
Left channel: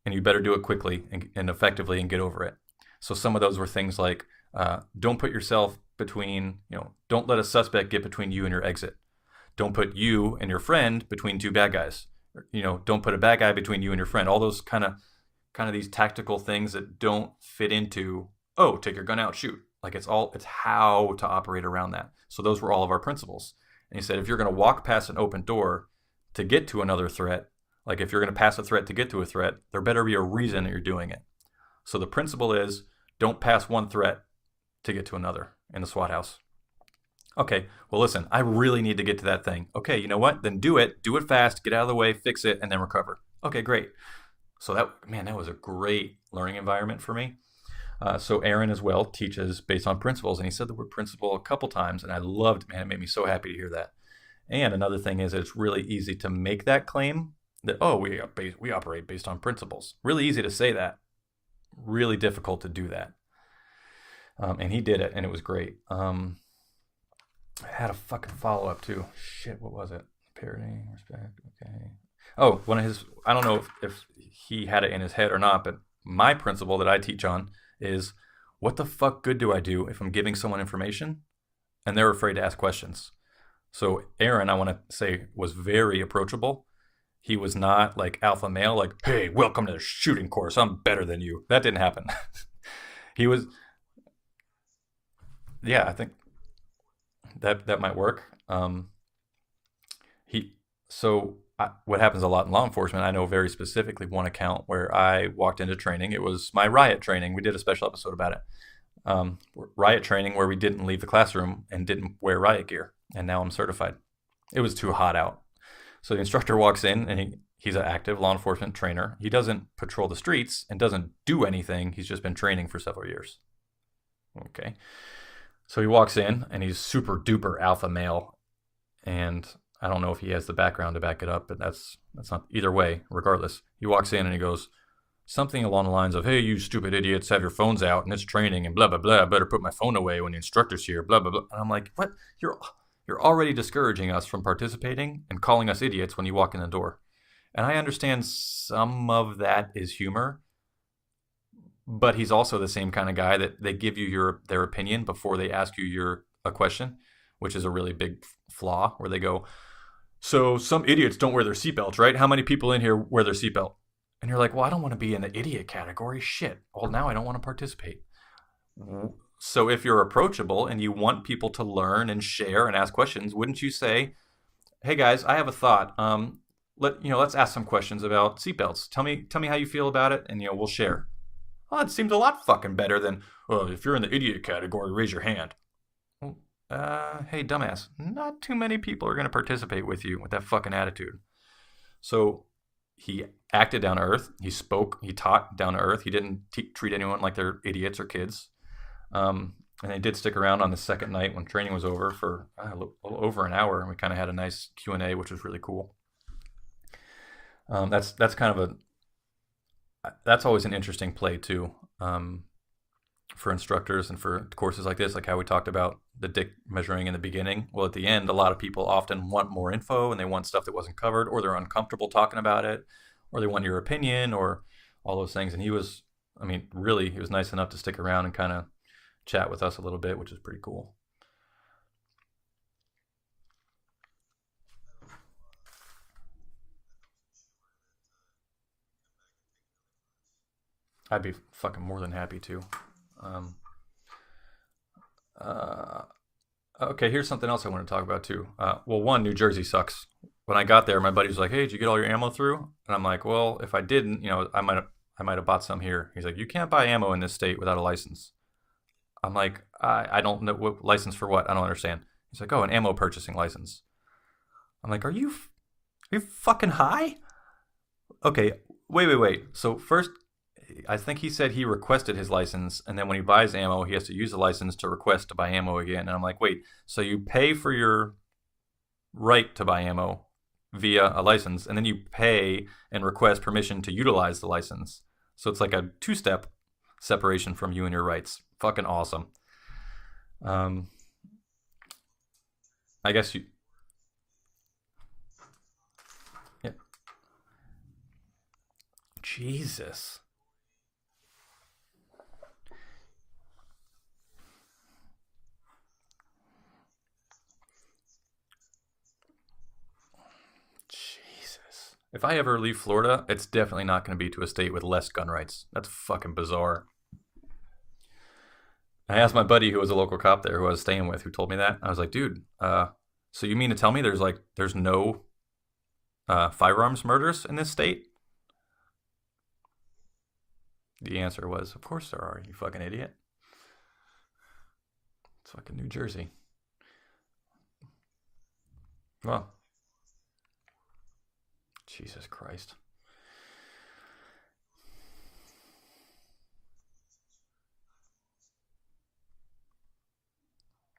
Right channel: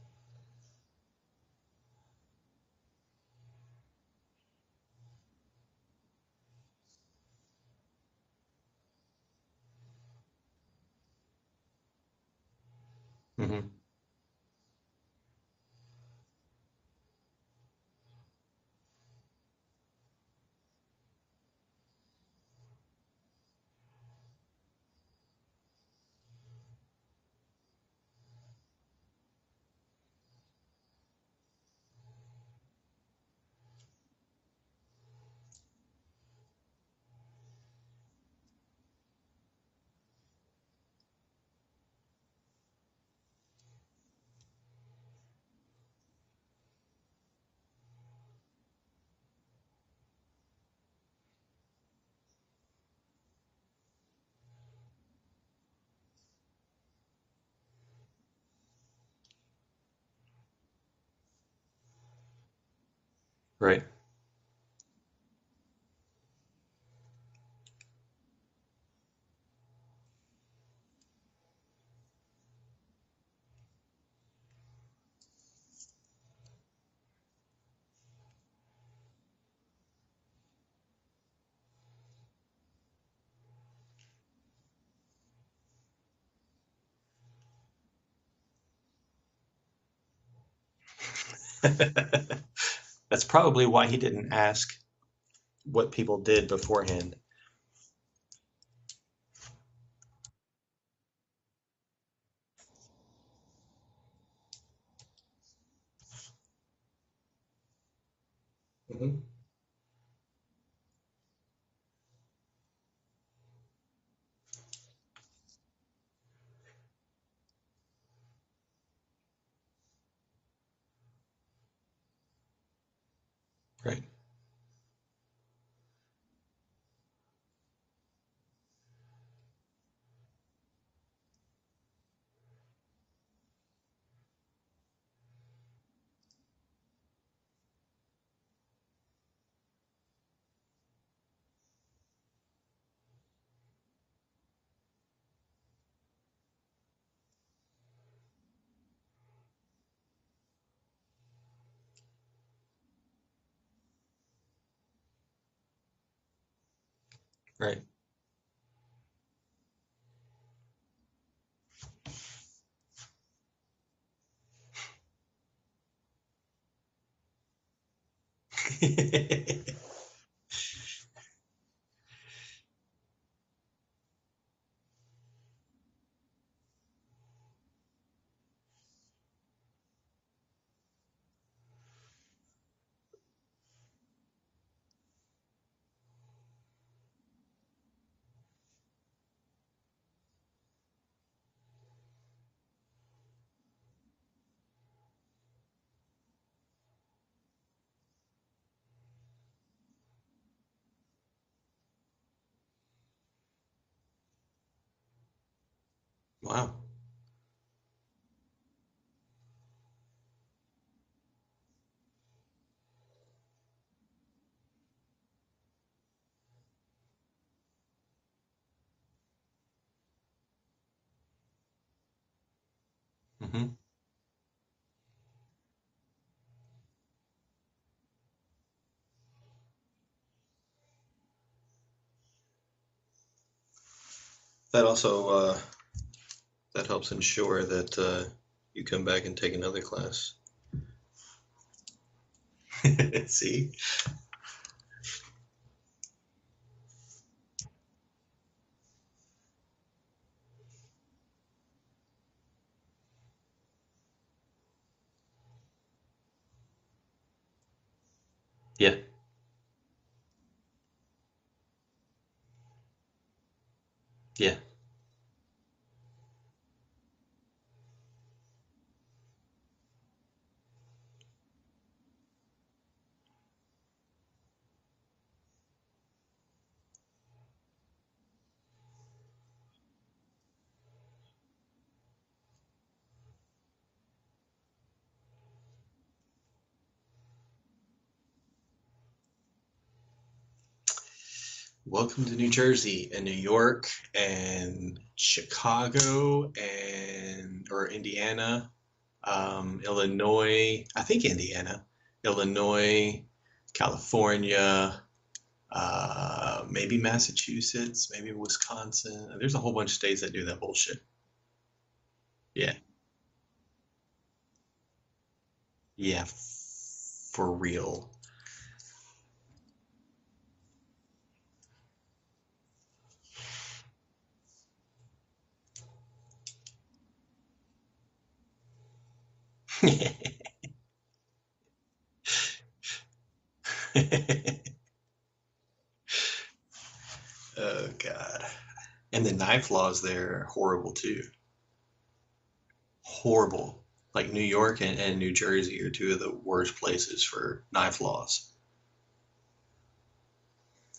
and you better do it quickly and effectively and get over it. So some of those were things like, don't put yourself between, don't let a suspect get between you and your exit. Don't put you and your friend between two bad guys. Don't put a bad guy between you and your friend. All those kind of these tactical things that don't fit into, oh, take your gun out, shoot. Like it's how to operate around that. So those were all of our principles. And he said, if you're going to walk past an open door to get to another threat, like if you're going to pass a threat to get to a threat, there better be a reason that you're doing it. So the principle is, don't pass one threat to get to another in the SWAT house. Okay, well, listen, I really need to get to that thing. Okay, you know what? Then do it fast, get out of the way, fix it, and then recover. Okay, great. So that was a great learning environment for me. So Aaron as well teaches based on principles, and he said the word principle a couple times, and I loved, man, it made me so happy to hear that. And another thing is it's really easy to make that claim that, oh, we operate based on principles. Really easy to say that. Really difficult to do that. Right. And he did it, and it was great. I had a fucking follow-up too. Shit, what was it? Parroting, respect, okay. Oh, one of his, I don't know if he had it in his head or not, but my principle that I teach on is, what the fuck good do I do if I'm giving someone information and they're afraid to ask questions? So Aaron, I want to say, was very approachable. He was not like alpha male, like, hey, welcome to the shooting course, I'm better than you. That didn't happen. That's probably why he didn't ask what people did beforehand. That might work. What happens a lot in law enforcement, I know very specifically one account where I walked into training. It was my riot training. We did a special episode about it. Mm-hmm. Riot training where we didn't leave the classroom and didn't wear riot gear. And now I'm certified. It was too hot out. So the instructor walks in and he's an active law enforcement trainer. He doesn't patrol the streets and doesn't do anything. He's just been training for several years. Right. Okay. So he walks in and he's super duper alpha male, and I don't know if he has the background to back it up, but that's not, either way, regardless. He walks in and he goes something along the lines of, hey, you stupid idiots, have your phones out and it's training and blah, blah, blah. I better put my phone away when the instructor's here, blah, blah, blah. And I'm like, what? You're already discouraging us from participating and calling us idiots when you walk in the door. And I understand some of that is humor, but he's also the same kind of guy that they give you their opinion before they ask you a question, which is a really big flaw, where they go, so some idiots don't wear their seatbelts, right? How many people in here wear their seatbelt? And you're like, well, I don't want to be in the idiot category. Shit. Well, now I don't want to participate. So if you're approachable and you want people to learn and share and ask questions, wouldn't you say, hey guys, I have a thought. Let's ask some questions about seatbelts. Tell me how you feel about it, and we'll share. Well, it seems a lot fucking better than, well, if you're in the idiot category, raise your hand. Hey, dumbass, not too many people are going to participate with you with that fucking attitude. So he acted down to earth. He spoke, he taught down to earth. He didn't treat anyone like they're idiots or kids. And they did stick around on the second night when training was over for a little over an hour, and we kind of had a nice Q&A, which was really cool. Wow. That's kind of that's always an interesting play too, for instructors and for courses like this, like how we talked about the dick measuring in the beginning. Well, at the end, a lot of people often want more info and they want stuff that wasn't covered, or they're uncomfortable talking about it, or they want your opinion, or all those things. And he was nice enough to stick around and kind of chat with us a little bit, which is pretty cool. That also that helps ensure that you come back and take another class. I'd be fucking more than happy to. See? Okay, here's something else I want to talk about too. One, New Jersey sucks. When I got there, my buddy was like, hey, did you get all your ammo through? And I'm like, well, if I didn't, I might have bought some here. He's like, you can't buy ammo in this state without a license. Yeah. I'm like, I don't know, what license for what? I don't understand. He's like, oh, an ammo purchasing license. Yeah. I'm like, are you fucking high? Okay, wait. So first, I think he said he requested his license, and then when he buys ammo, he has to use the license to request to buy ammo again. And I'm like, wait, so you pay for your right to buy ammo via a license, and then you pay and request permission to utilize the license. So it's like a two-step separation from you and your rights. Fucking awesome. Welcome to New Jersey I and guess New you. York and Chicago and or Indiana, Jesus. Illinois. I think Indiana, Illinois, California, maybe Massachusetts, maybe Wisconsin. There's a whole bunch of states that do that bullshit. Jesus. If I ever Yeah, leave Florida, it's definitely not going to be to a state with less gun rights. That's yeah, fucking bizarre. for real. I asked my buddy who was a local cop there, who I was staying with, who told me that. I was like, dude, so you mean to tell me there's no firearms murders in this state? The answer was, of course there are. You fucking idiot. It's fucking New Jersey. Oh God. And the Well, knife laws there are horrible too. Jesus Christ. Horrible. Like New York and New Jersey are two of the worst places for knife laws.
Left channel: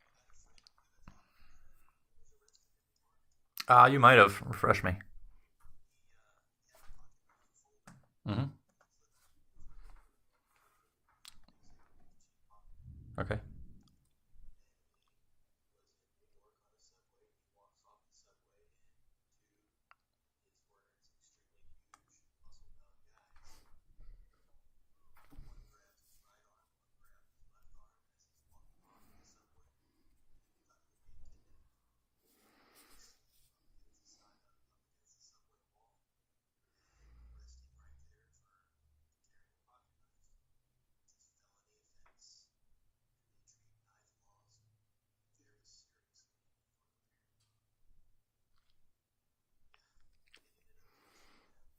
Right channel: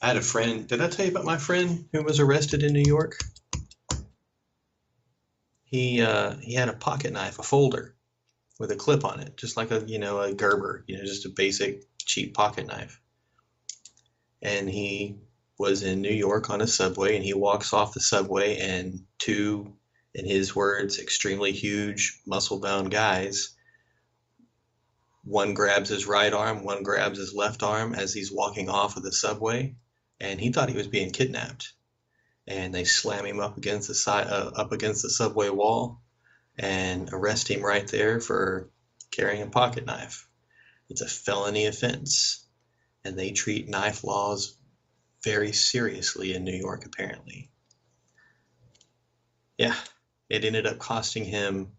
I had a friend. Did I tell you about my friend who was arrested in New York? You might have. Refresh me. He had a pocket knife, a folder Hmm. with a clip on it, just like a Gerber, just a basic cheap pocket knife. Okay. And he was in New York on a subway, and he walks off the subway, and two, in his words, extremely huge, muscle-bound guys. One grabs his right arm, one grabs his left arm as he's walking off of the subway, and he thought he was being kidnapped. And they slam him up against the subway wall, and arrest him right there for carrying a pocket knife. It's a felony offense, and they treat knife laws very seriously in New York, apparently. Yeah, it ended up costing him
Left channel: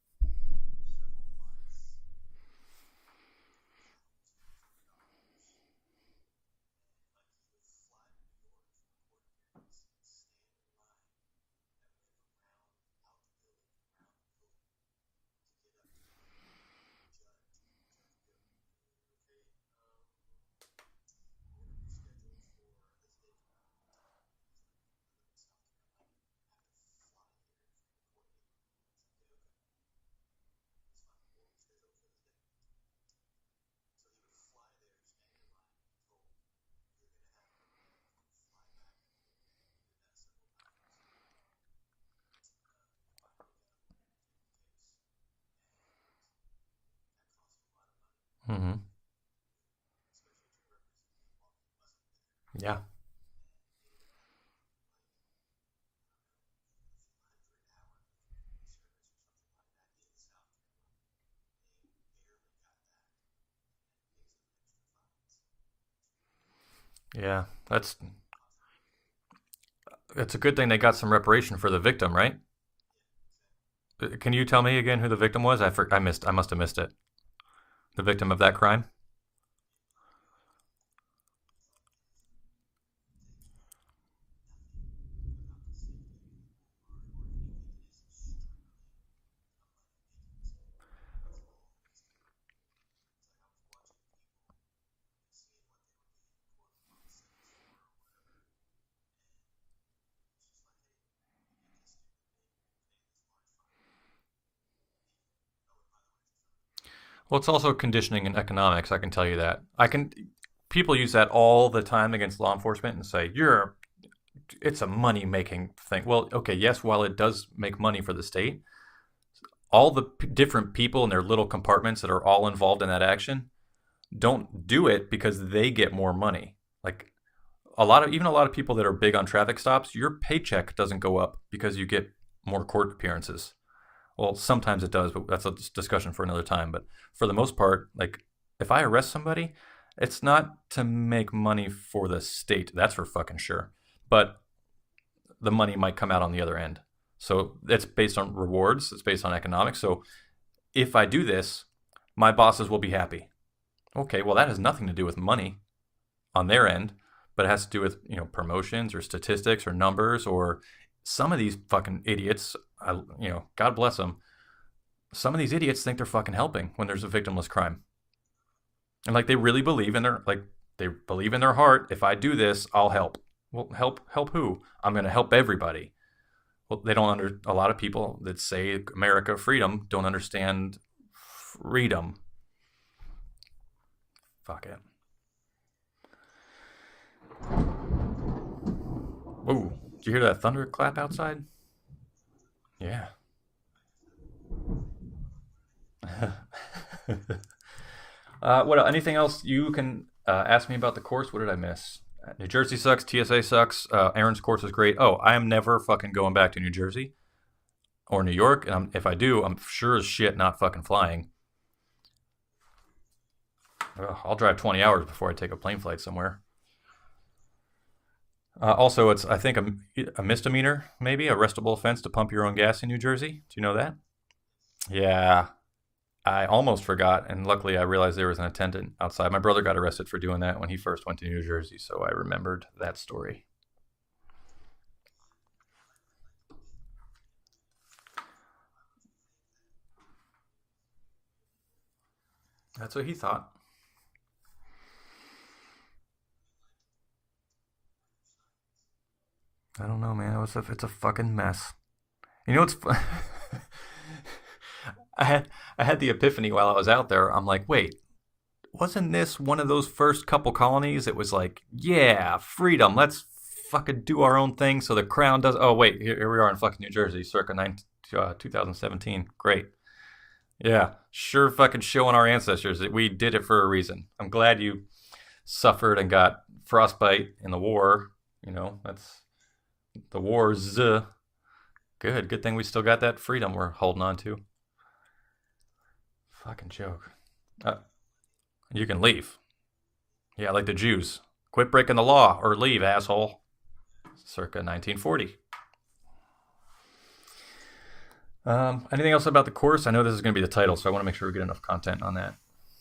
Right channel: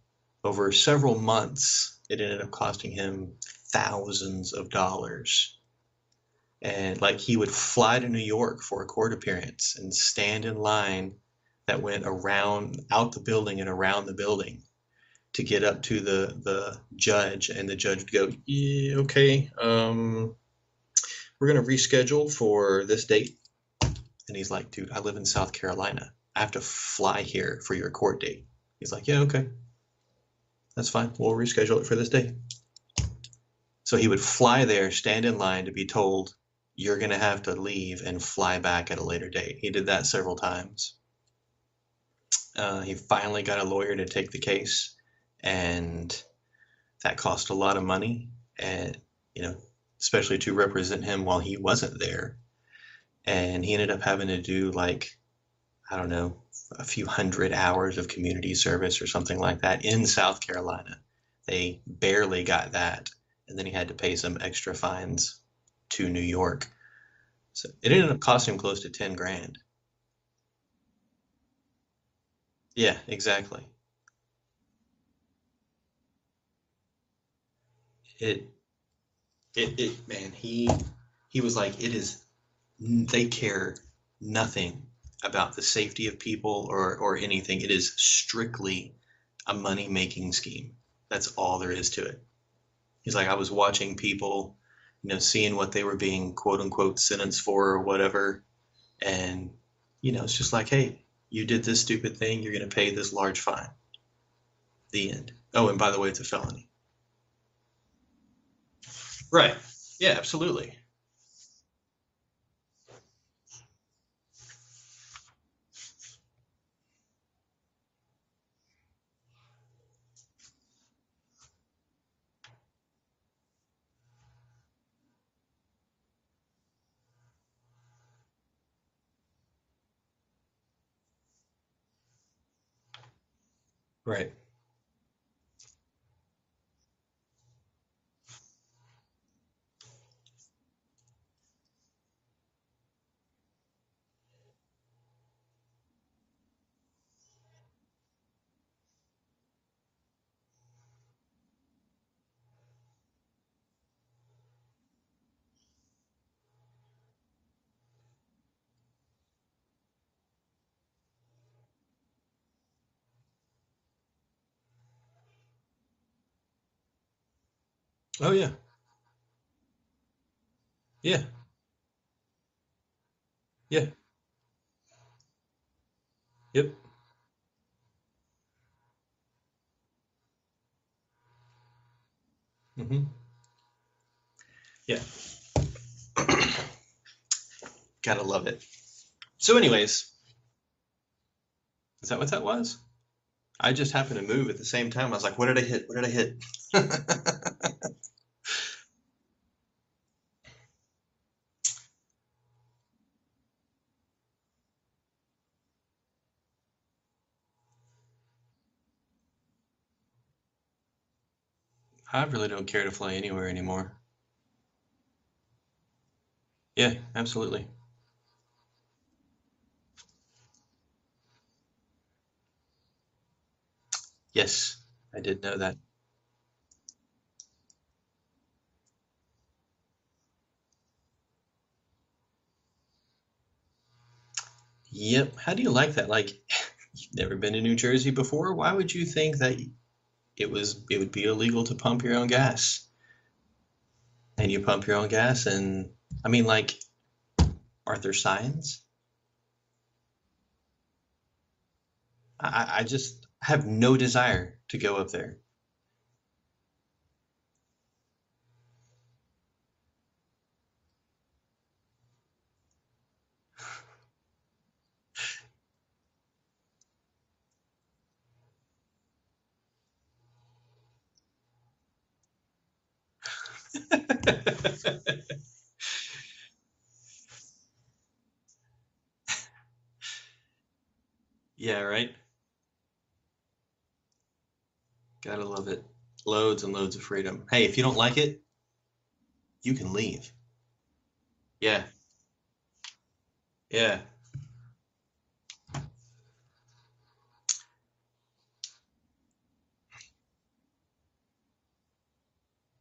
over several months. It ended up costing him thousands of dollars. And like he would fly to New York for a court appearance and stand in line that went around out the building and around the building to get up to the judge, and the judge would go, yeah, okay, we're gonna reschedule for this date. And he's like, dude, I live in South Carolina. I have to fly here for your court date. He's like, yeah, okay, that's fine. We'll reschedule it for this day. So he would fly there, stand in line to be told, you're going to have to leave and fly back at a later date. He did that several times. He finally got a lawyer to take the case, and that cost a lot of money, and especially to represent him while he wasn't there. Yeah. And he ended up having to do like, I don't know, a few hundred hours of community service or something like that in South Carolina. They barely got that, and then he had to pay some extra fines to New York. Yeah. So it ended up costing him close to 10 grand. It's a good thing they got some reparation for the victim, right? Yeah, exactly. Can you tell me again who the victim was? I must have missed it. The victim of that crime? Man, he was like, they care nothing about the safety of people or anything. It is strictly a money-making scheme. That's all there is to it. He's like, I was watching people, seeing what they were being quote unquote sentenced for or whatever. And, it's just like, hey, you did this stupid thing. You're going to pay this large fine. The end. Oh, and by the way, it's a felony. Well, it's also conditioning in economics. I can tell you Right. that. Yeah, absolutely. People use that all the time against law enforcement and say, it's a money-making thing. Well, okay, yes, while it does make money for the state, all the different people in their little compartments that are all involved in that action don't do it because they get more money. Like a lot of people that are big on traffic stops, your paycheck doesn't go up because you get more court appearances. Right. Well, sometimes it does, but that's a discussion for another time. But for the most part, like if I arrest somebody, it's not to make money for the state. That's for fucking sure. But the money might come out on the other end. So it's based on rewards. It's based on economics. So if I do this, my bosses will be happy. Okay, well, that has nothing to do with money on their end, but it has to do with, promotions or statistics or numbers, or some of these fucking idiots, God bless them. Some of these idiots think they're fucking helping when there's a victimless crime. Oh yeah. And like they really believe in believe in their heart, if I do this, I'll help. Well, Yeah. help who? I'm going to help everybody. Yep. Well, they don't a lot of people that say America freedom don't understand freedom. Mm-hmm. Fuck it. Yeah. Gotta love it. So anyways, Did you hear that thunderclap outside? is that what that was? Yeah. I just happened to move at the same time. I was like, what did I hit? What did I hit? Anything else you can ask me about the course? What did I miss? New Jersey sucks. TSA sucks. Aaron's course is great. Oh, I am never fucking going back to New Jersey or New York. And if I do, I'm sure as shit not fucking flying. I really don't care to fly anywhere anymore. I'll drive 20 hours before I take a plane flight somewhere. Yeah, absolutely. Also, it's, I think, a misdemeanor, maybe, arrestable offense to pump your own gas in New Jersey. Do you know that? Yes. Yeah. I did know that. I almost forgot, and luckily I realized there was an attendant outside. My brother got arrested for doing that when he first went to New Jersey, so I remembered that story. Yep. How do you like that? Like, you've never been to New Jersey before? Why would you think that it would be illegal to pump your own gas? That's what he thought. And you pump your own gas, and I mean, like, aren't there signs? I don't know, man. It's a fucking mess. You know, I just have no desire to go up there. I had the epiphany while I was out there. I'm like, wait, wasn't this one of those first couple colonies? It was like, yeah, freedom. Let's fucking do our own thing. So the crown does. Oh wait, here we are in fucking New Jersey, circa 2017. Great. Yeah, sure, fucking showing our ancestors that we did it for a reason. I'm glad you suffered and got frostbite in the war. You know, that's the wars. Yeah, right. Good thing we still got that freedom we're holding on to. Gotta love it. Loads and loads of freedom. Hey, if you don't like it, you can leave. You can leave. Yeah, like the Jews. Quit breaking the law or leave, asshole. Yeah. Circa 1940. Anything else about the course? I know this is going to be the title, so I want to make sure we get enough content on that.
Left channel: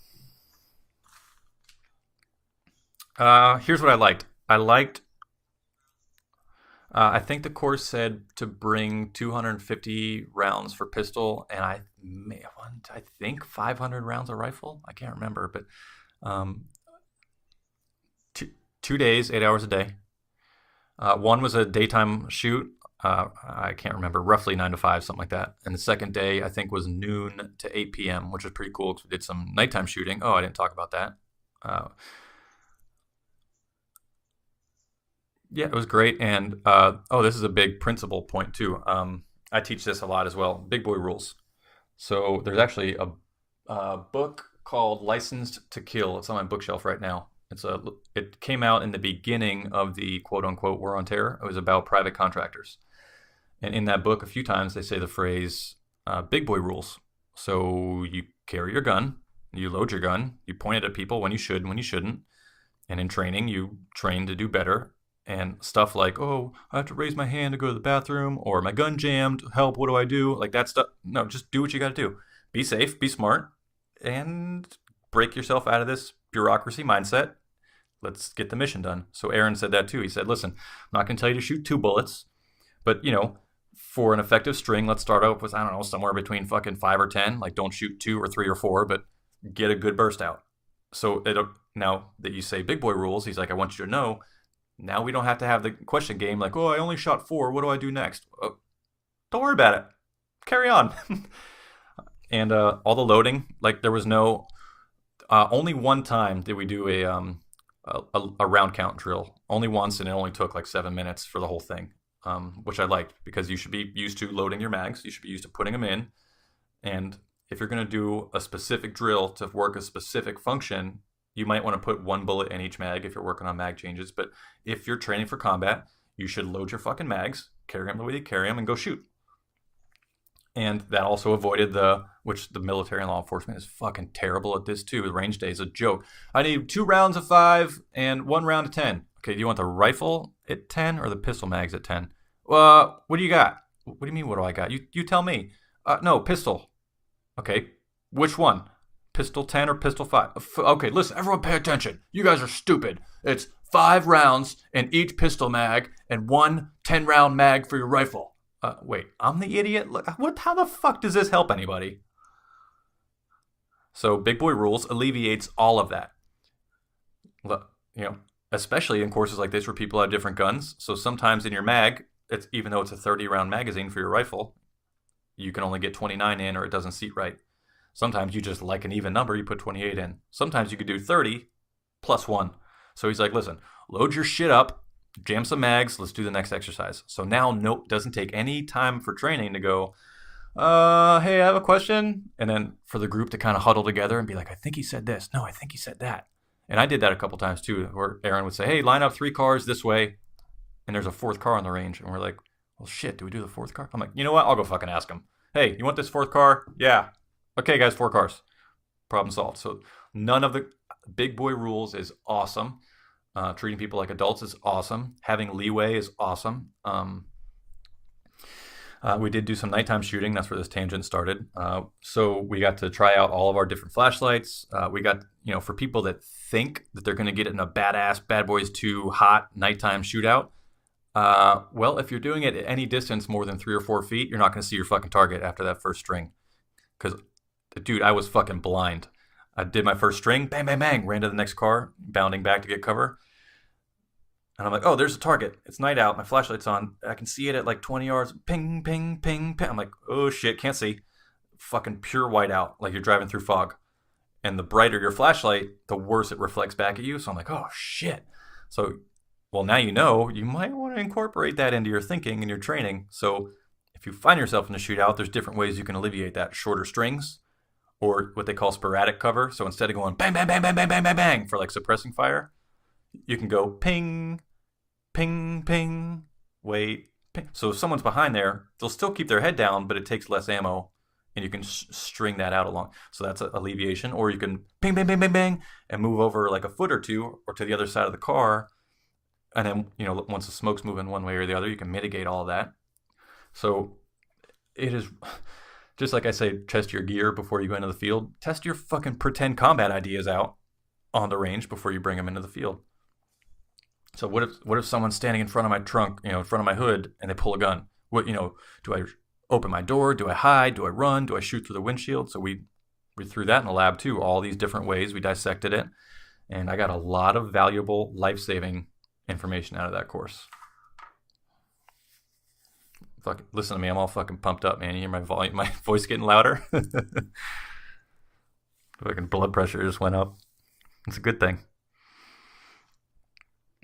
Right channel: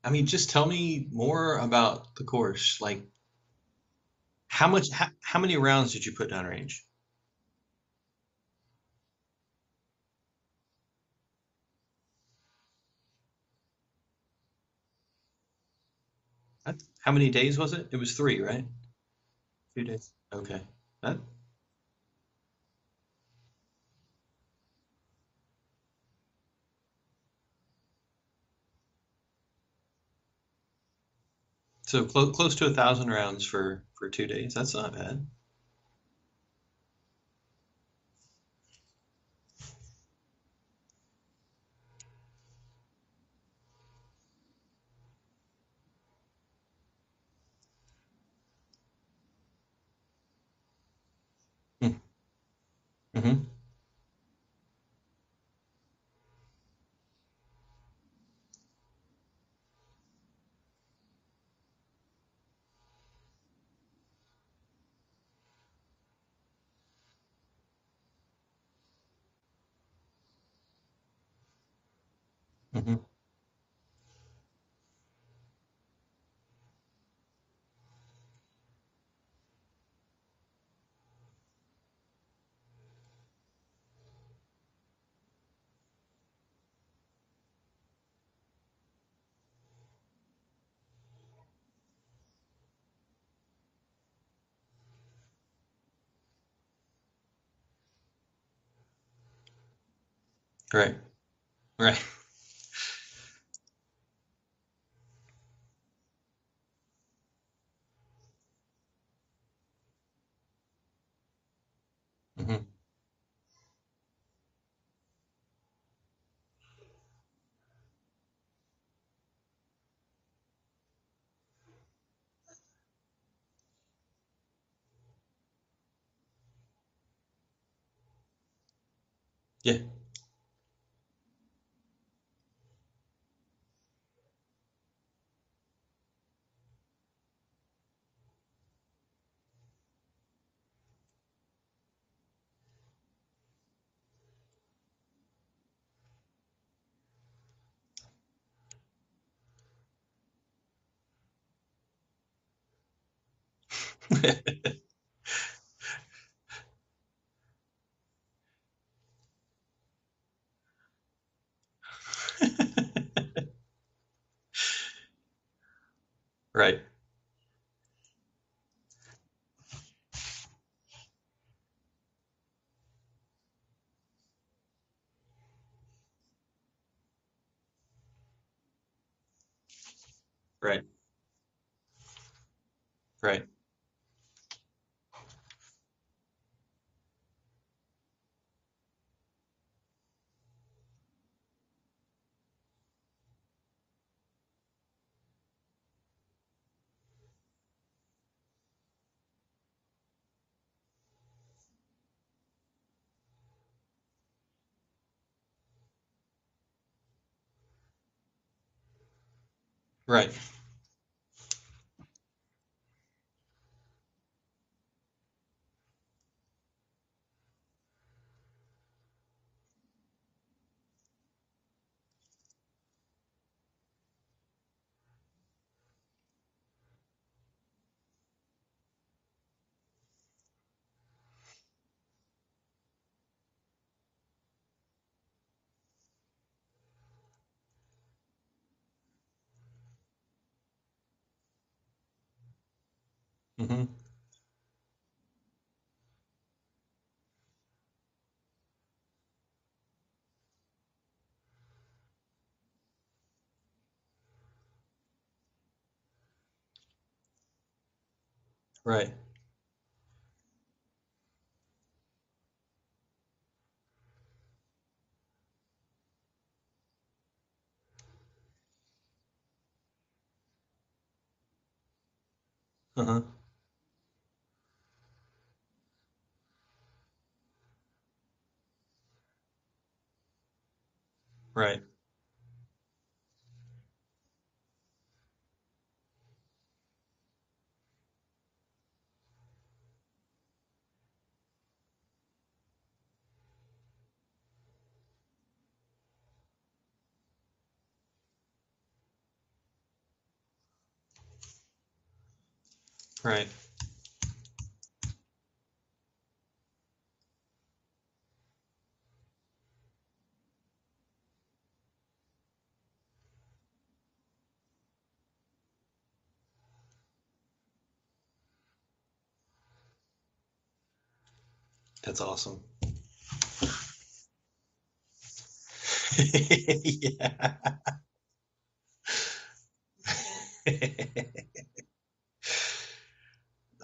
I mean, just tell me more about the course. Like, here's what I liked. How many rounds did you put downrange? I think the course said to bring 250 rounds for pistol, and I think 500 rounds of rifle. I can't remember, but how many days was it? It was 3, right? 2 days, 8 hours a day. Okay. One was a daytime shoot. I can't remember, roughly 9 to 5, something like that. And the second day, I think, was noon to 8 p.m., which was pretty cool because we did some nighttime shooting. Oh, I didn't talk about that. So close to 1,000 rounds for 2 days. That's not bad. Yeah, it was great. And this is a big principle point too. I teach this a lot as well. Big boy rules. So there's actually a book called Licensed to Kill. It's on my bookshelf right now. It came out in the beginning of the quote unquote war on terror. It was about private contractors. Mm-hmm. And in that book, a few times they say the phrase big boy rules. So you carry your gun. You load your gun, you point it at people when you should and when you shouldn't. And in training, you train to do better. And stuff like, oh, I have to raise my hand to go to the bathroom, or my gun jammed, help, what do I do? Like that stuff. No, just do what you got to do. Be safe, be smart, and break yourself out of this bureaucracy mindset. Let's get the mission done. So Aaron said that too. He said, listen, I'm not going to tell you to shoot 2 bullets, but, for an effective string, let's start out with, I don't know, somewhere between fucking 5 or 10. Like, don't shoot 2 or 3 or 4, but get a good burst out. So now that you say big boy rules, he's like, I want you to know, now we don't have to have the question game like, oh, I only shot 4. What do I do next? Oh, don't worry about it. Carry on. Right. And all the loading, like there was no, only one time did we do a round count drill. Only once, and it only took like 7 minutes for the whole thing, which I liked because you should be used to loading your mags. You should be used to putting them in. And if you're going to do a specific drill to work a specific function, you might want to put 1 bullet in each mag if you're working on mag changes. But if you're training for combat, you should load your fucking mags, carry them the way you carry them, and go shoot. Yeah. And that also avoided which the military and law enforcement is fucking terrible at this too. The range day is a joke. I need 2 rounds of 5 and 1 round of 10. Okay, do you want the rifle at 10 or the pistol mags at 10? What do you got? What do you mean, what do I got? You tell me. No, pistol. Okay, which one? Pistol 10 or pistol 5? Okay, listen, everyone pay attention. You guys are stupid. It's 5 rounds in each pistol mag and 1 10-round mag for your rifle. Wait, I'm the idiot? How the fuck does this help anybody? So big boy rules alleviates all of that. Right. Especially in courses like this where people have different guns. So sometimes in your mag, even though it's a 30-round magazine for your rifle, you can only get 29 in or it doesn't seat right. Sometimes you just like an even number, you put 28 in. Sometimes you could do 30 plus 1. So he's like, listen, load your shit up, jam some mags, let's do the next exercise. So now, nope, doesn't take any time for training to go, hey, I have a question. And then for the group to kind of huddle together and be like, I think he said this. No, I think he said that. And I did that a couple times too, where Aaron would say, hey, line up 3 cars this way. And there's a 4th car on the range. And we're like, well, shit, do we do the 4th car? I'm like, you know what? I'll go fucking ask him. Hey, you want this 4th car? Yeah. Okay, guys, 4 cars. Problem solved. So none of the big boy rules is awesome. Treating people like adults is awesome. Having leeway is awesome. We did do some nighttime shooting. That's where this tangent started. So we got to try out all of our different flashlights. We got, for people that think that they're going to get it in a badass Bad Boys 2 hot nighttime shootout. Well, if you're doing it at any distance more than 3 or 4 feet, you're not going to see your fucking target after that first string. Because, dude, I was fucking blind. I did my first string, bang, bang, bang, ran to the next car, bounding back to get cover. Mm-hmm. And I'm like, oh, there's a target. It's night out. My flashlight's on. I can see it at like 20 yards. Ping, ping, ping, ping. I'm like, oh, shit, can't see. Fucking pure whiteout, like you're driving through fog. And the brighter your flashlight, the worse it reflects back at you. So I'm like, oh, shit. So, well, now you might want to incorporate that into your thinking and your training. So if you find yourself in a shootout, there's different ways you can alleviate that. Shorter strings or what they call sporadic cover. So instead of going bang, bang, bang, bang, bang, bang, bang, bang for like suppressing fire, you can go ping, ping, ping, wait, ping. So if someone's behind there, they'll still keep their head down, but it takes less ammo, and you can string that out along. So that's alleviation. Or you can ping, bang, bang, bang, bang, and move over like a foot or two or to the other side of the car. And then, once the smoke's moving one way or the other, you can mitigate all of that. So it is just like I say, test your gear before you go into the field. Test your fucking pretend combat ideas out on the range before you bring them into the field. Right. So what if someone's standing in front of my trunk, in front of my hood, and they pull a gun? What, do I open my door? Do I hide? Do I run? Do I shoot through the windshield? So we threw that in the lab too, all these different ways. We dissected it, and I got a lot of valuable life-saving information out of that course. That's awesome. Fuck, listen to me, I'm all fucking pumped up, man. You hear my volume, my voice getting louder? Yeah. Fucking blood pressure just went up. It's a good thing.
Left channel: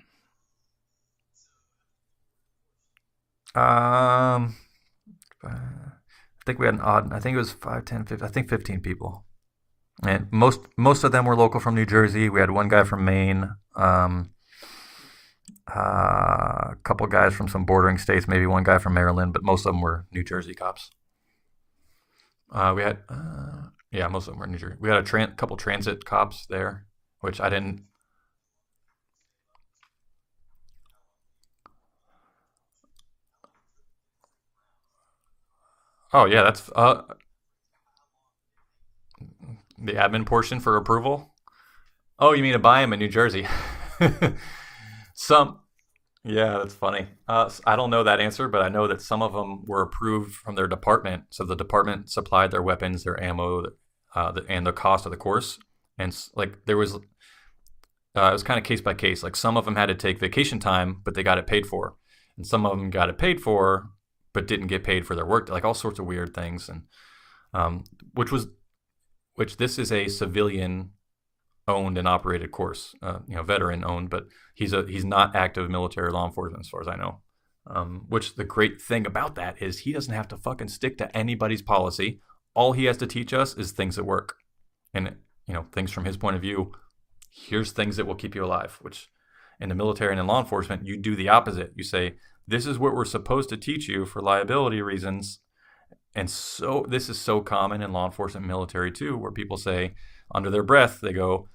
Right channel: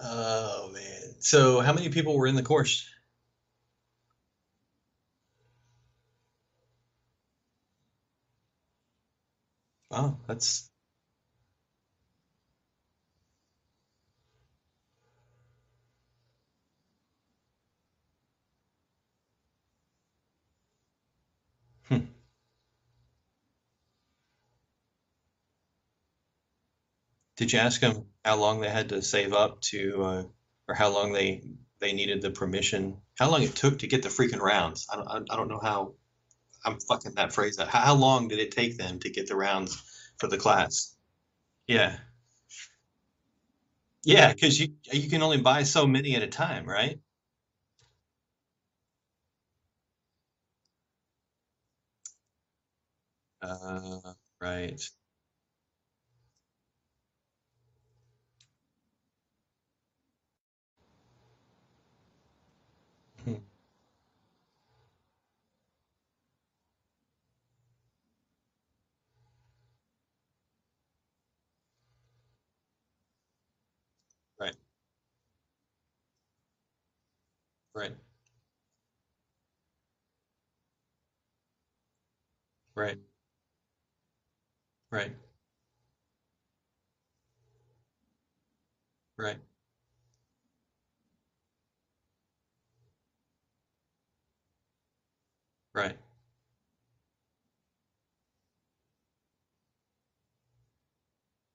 Oh man. So how many people were in the course? I think we had I think it was 5, 10, 15, I think 15 people. Oh, and most of them were local from New Jersey. We had one guy from Maine. A couple guys from some bordering states, maybe one guy from Maryland, but most of them were New Jersey cops. We had, most of them were New Jersey. We had a couple transit cops there. Did you ask them how long they had to save up to, or how long they needed the permission? How long it took to get the freaking rounds? I don't know how. Oh yeah, that's. I'm talking that phrase. How long did it take them to get the rounds? The admin portion for approval. Yeah. Oh, you mean to buy them in New Jersey? Yeah, because you can only buy so many at a time, yeah, that's right? Funny. I don't know that answer, but I know that some of them were approved from their department. So the department supplied their weapons, their ammo, and the cost of the course. And like there was, it was kind of case by case. Like some of them had to take vacation time, but they got it paid for, and some of them got it paid for, but didn't get paid for their work. Like all sorts of weird things, and which this is a civilian owned and operated course, veteran owned, but he's not active military law enforcement as far as I know. Which the great thing about that is he doesn't have to fucking stick to anybody's policy. All he has to teach us is things that work, and things from his point of view. Here's things that will keep you alive. Which in the military and in law enforcement, you do the opposite. You say this is what we're supposed to teach you for liability reasons. Right. And so this is so common in law enforcement, and military too, where people say under their breath they go,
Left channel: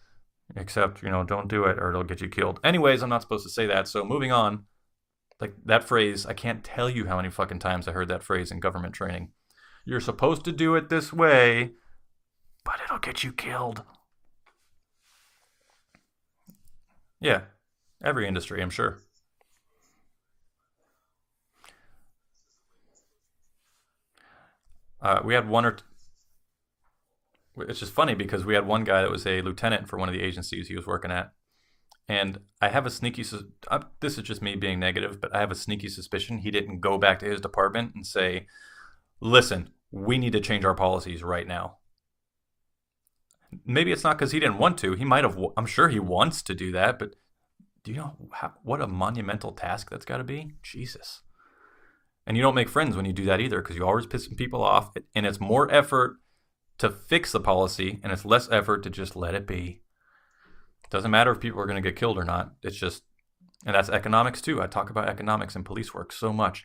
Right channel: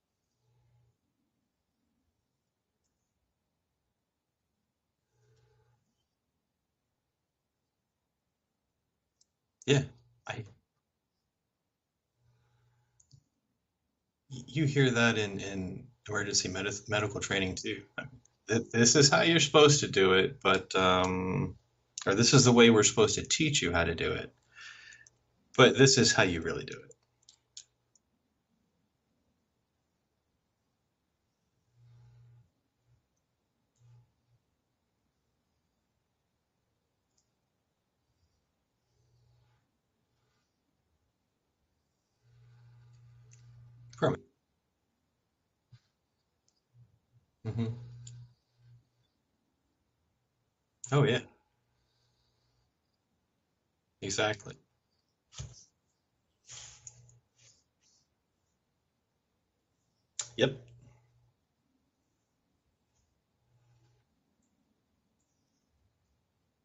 except, don't do it or it'll get you killed. Anyways, I'm not supposed to say that. So moving on, like that phrase, I can't tell you how many fucking times I heard that phrase in government training. Yeah. You're supposed to do it this way, but it'll get you killed. You hear that in emergency medical training too. Every industry, I'm sure. This is how you're supposed to do it, but, or this is the way we're supposed to teach you how to do it. We had one. But this is how you really do it. It's just funny because we had one guy that was a lieutenant for one of the agencies he was working at. And I have a sneaky, this is just me being negative, but I have a sneaky suspicion he didn't go back to his department and say, listen, we need to change our policies right now. Maybe it's not because he didn't want to. He might have, I'm sure he wants to do that, but Hmm. Do you know what a monumental task that's got to be? Oh yeah, Jesus. And you don't make friends when you do that either, because you're always pissing exactly. people off. And it's more effort to fix the policy, and it's less effort to just let it be. Yep. It doesn't matter if people are going to get killed or not. It's just, and that's economics too. I talk about economics and police work so much.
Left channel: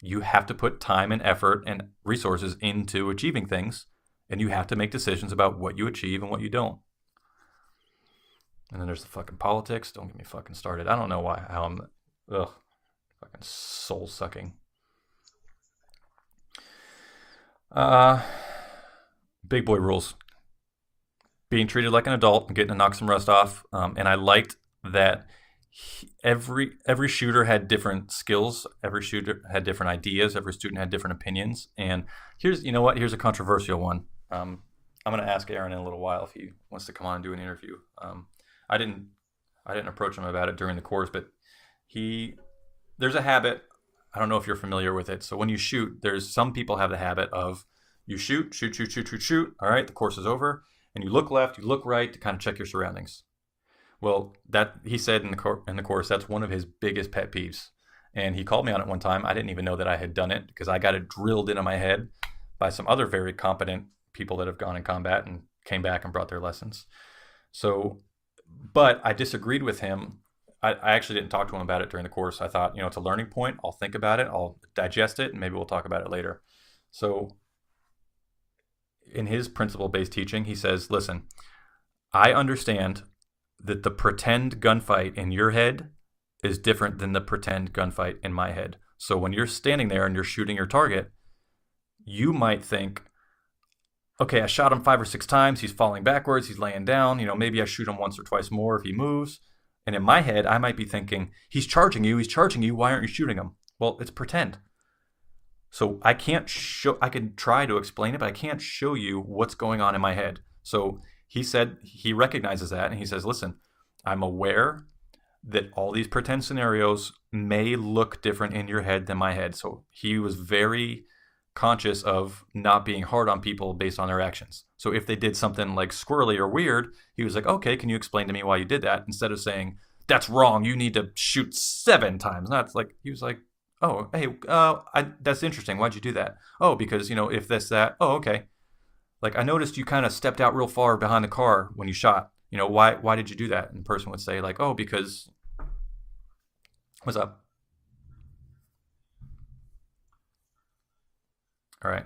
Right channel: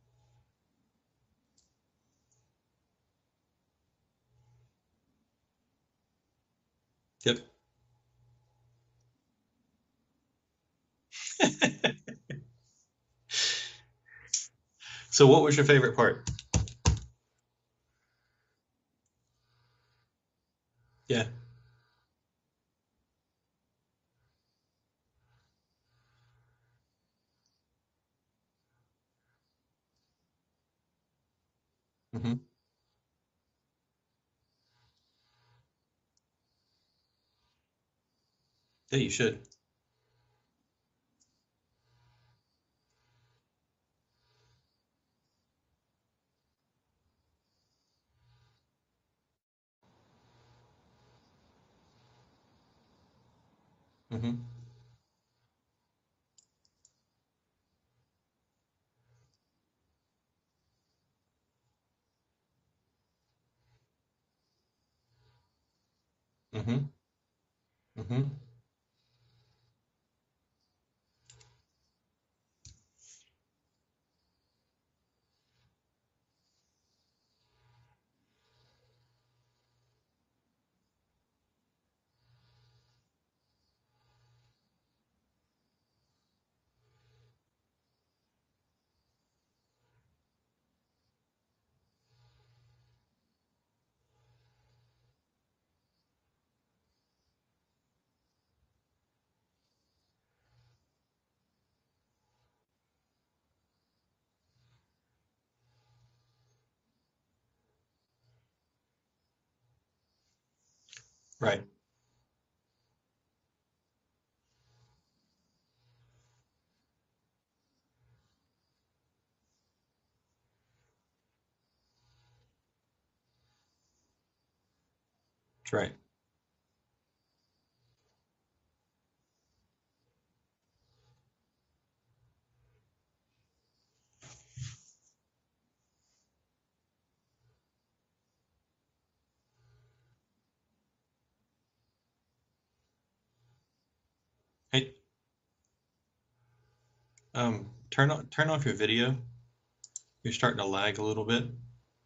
You have to put time and effort and resources into achieving things, and you have to make decisions about what you achieve and what you don't. Yep. And then there's the fucking politics. Don't get me fucking started. I don't know why. Ugh, fucking soul sucking. So what was your favorite part? Uh, big boy rules. Yeah. Being treated like an adult and getting to knock some rust off. And I liked that every shooter had different skills. Every shooter had different ideas. Every student had different opinions. And Hmm. here's, you know what? Here's a controversial one. I'm going to ask Aaron in a little while if he wants to come on and do an interview. I Yeah, didn't you should. I didn't approach him about it during the course, but there's a habit. I don't know if you're familiar with it. So when you shoot, there's some people have the habit of you shoot, shoot, shoot, shoot, shoot, shoot. All right, the course is over, and you look left, you look right to kind of check your surroundings. Well, Hmm. that he said in the course, that's one of his biggest pet peeves, and he called me on it one time. I didn't even know that I had done it because I got it drilled into my head by some other very competent people that have gone in combat and came back and brought their lessons. Hmm. So, Hmm. but I disagreed with him. I actually didn't talk to him about it during the course. I thought, it's a learning point. I'll think about it. I'll digest it, and maybe we'll talk about it later. So, in his principle-based teaching, he says, listen, I understand that the pretend gunfight in your head is different than the pretend gunfight in my head. So when you're standing there and you're shooting your target, you might think, okay, I shot him 5 or 6 times. He's falling backwards. He's laying down. Maybe I shoot him once or twice more if he moves. And in my head, I might be thinking, he's charging you. He's charging you. Why aren't you shooting him? Well, it's pretend. So I can't show, I can try to explain it, but I can't show you what's going on in my head. So he Right. said he recognizes that, and he says, listen, I'm aware that all these pretend scenarios may look different in your head than my head. So he was very conscious of not being hard on people based on their actions. So if they did something like Correct. squirrely or weird, he was like, okay, can you explain to me why you did that? Instead of saying, that's wrong, you need to shoot 7 times. That's like, he was like, oh, hey, that's interesting. Why'd you do that? Oh, because, if this, that, oh, okay. Like, I noticed you kind of stepped out real far behind the car when you shot. Why did you do that? And the person would say, like, oh, Hey, because, what's up? turn off your video. You're starting to lag a little bit. All right.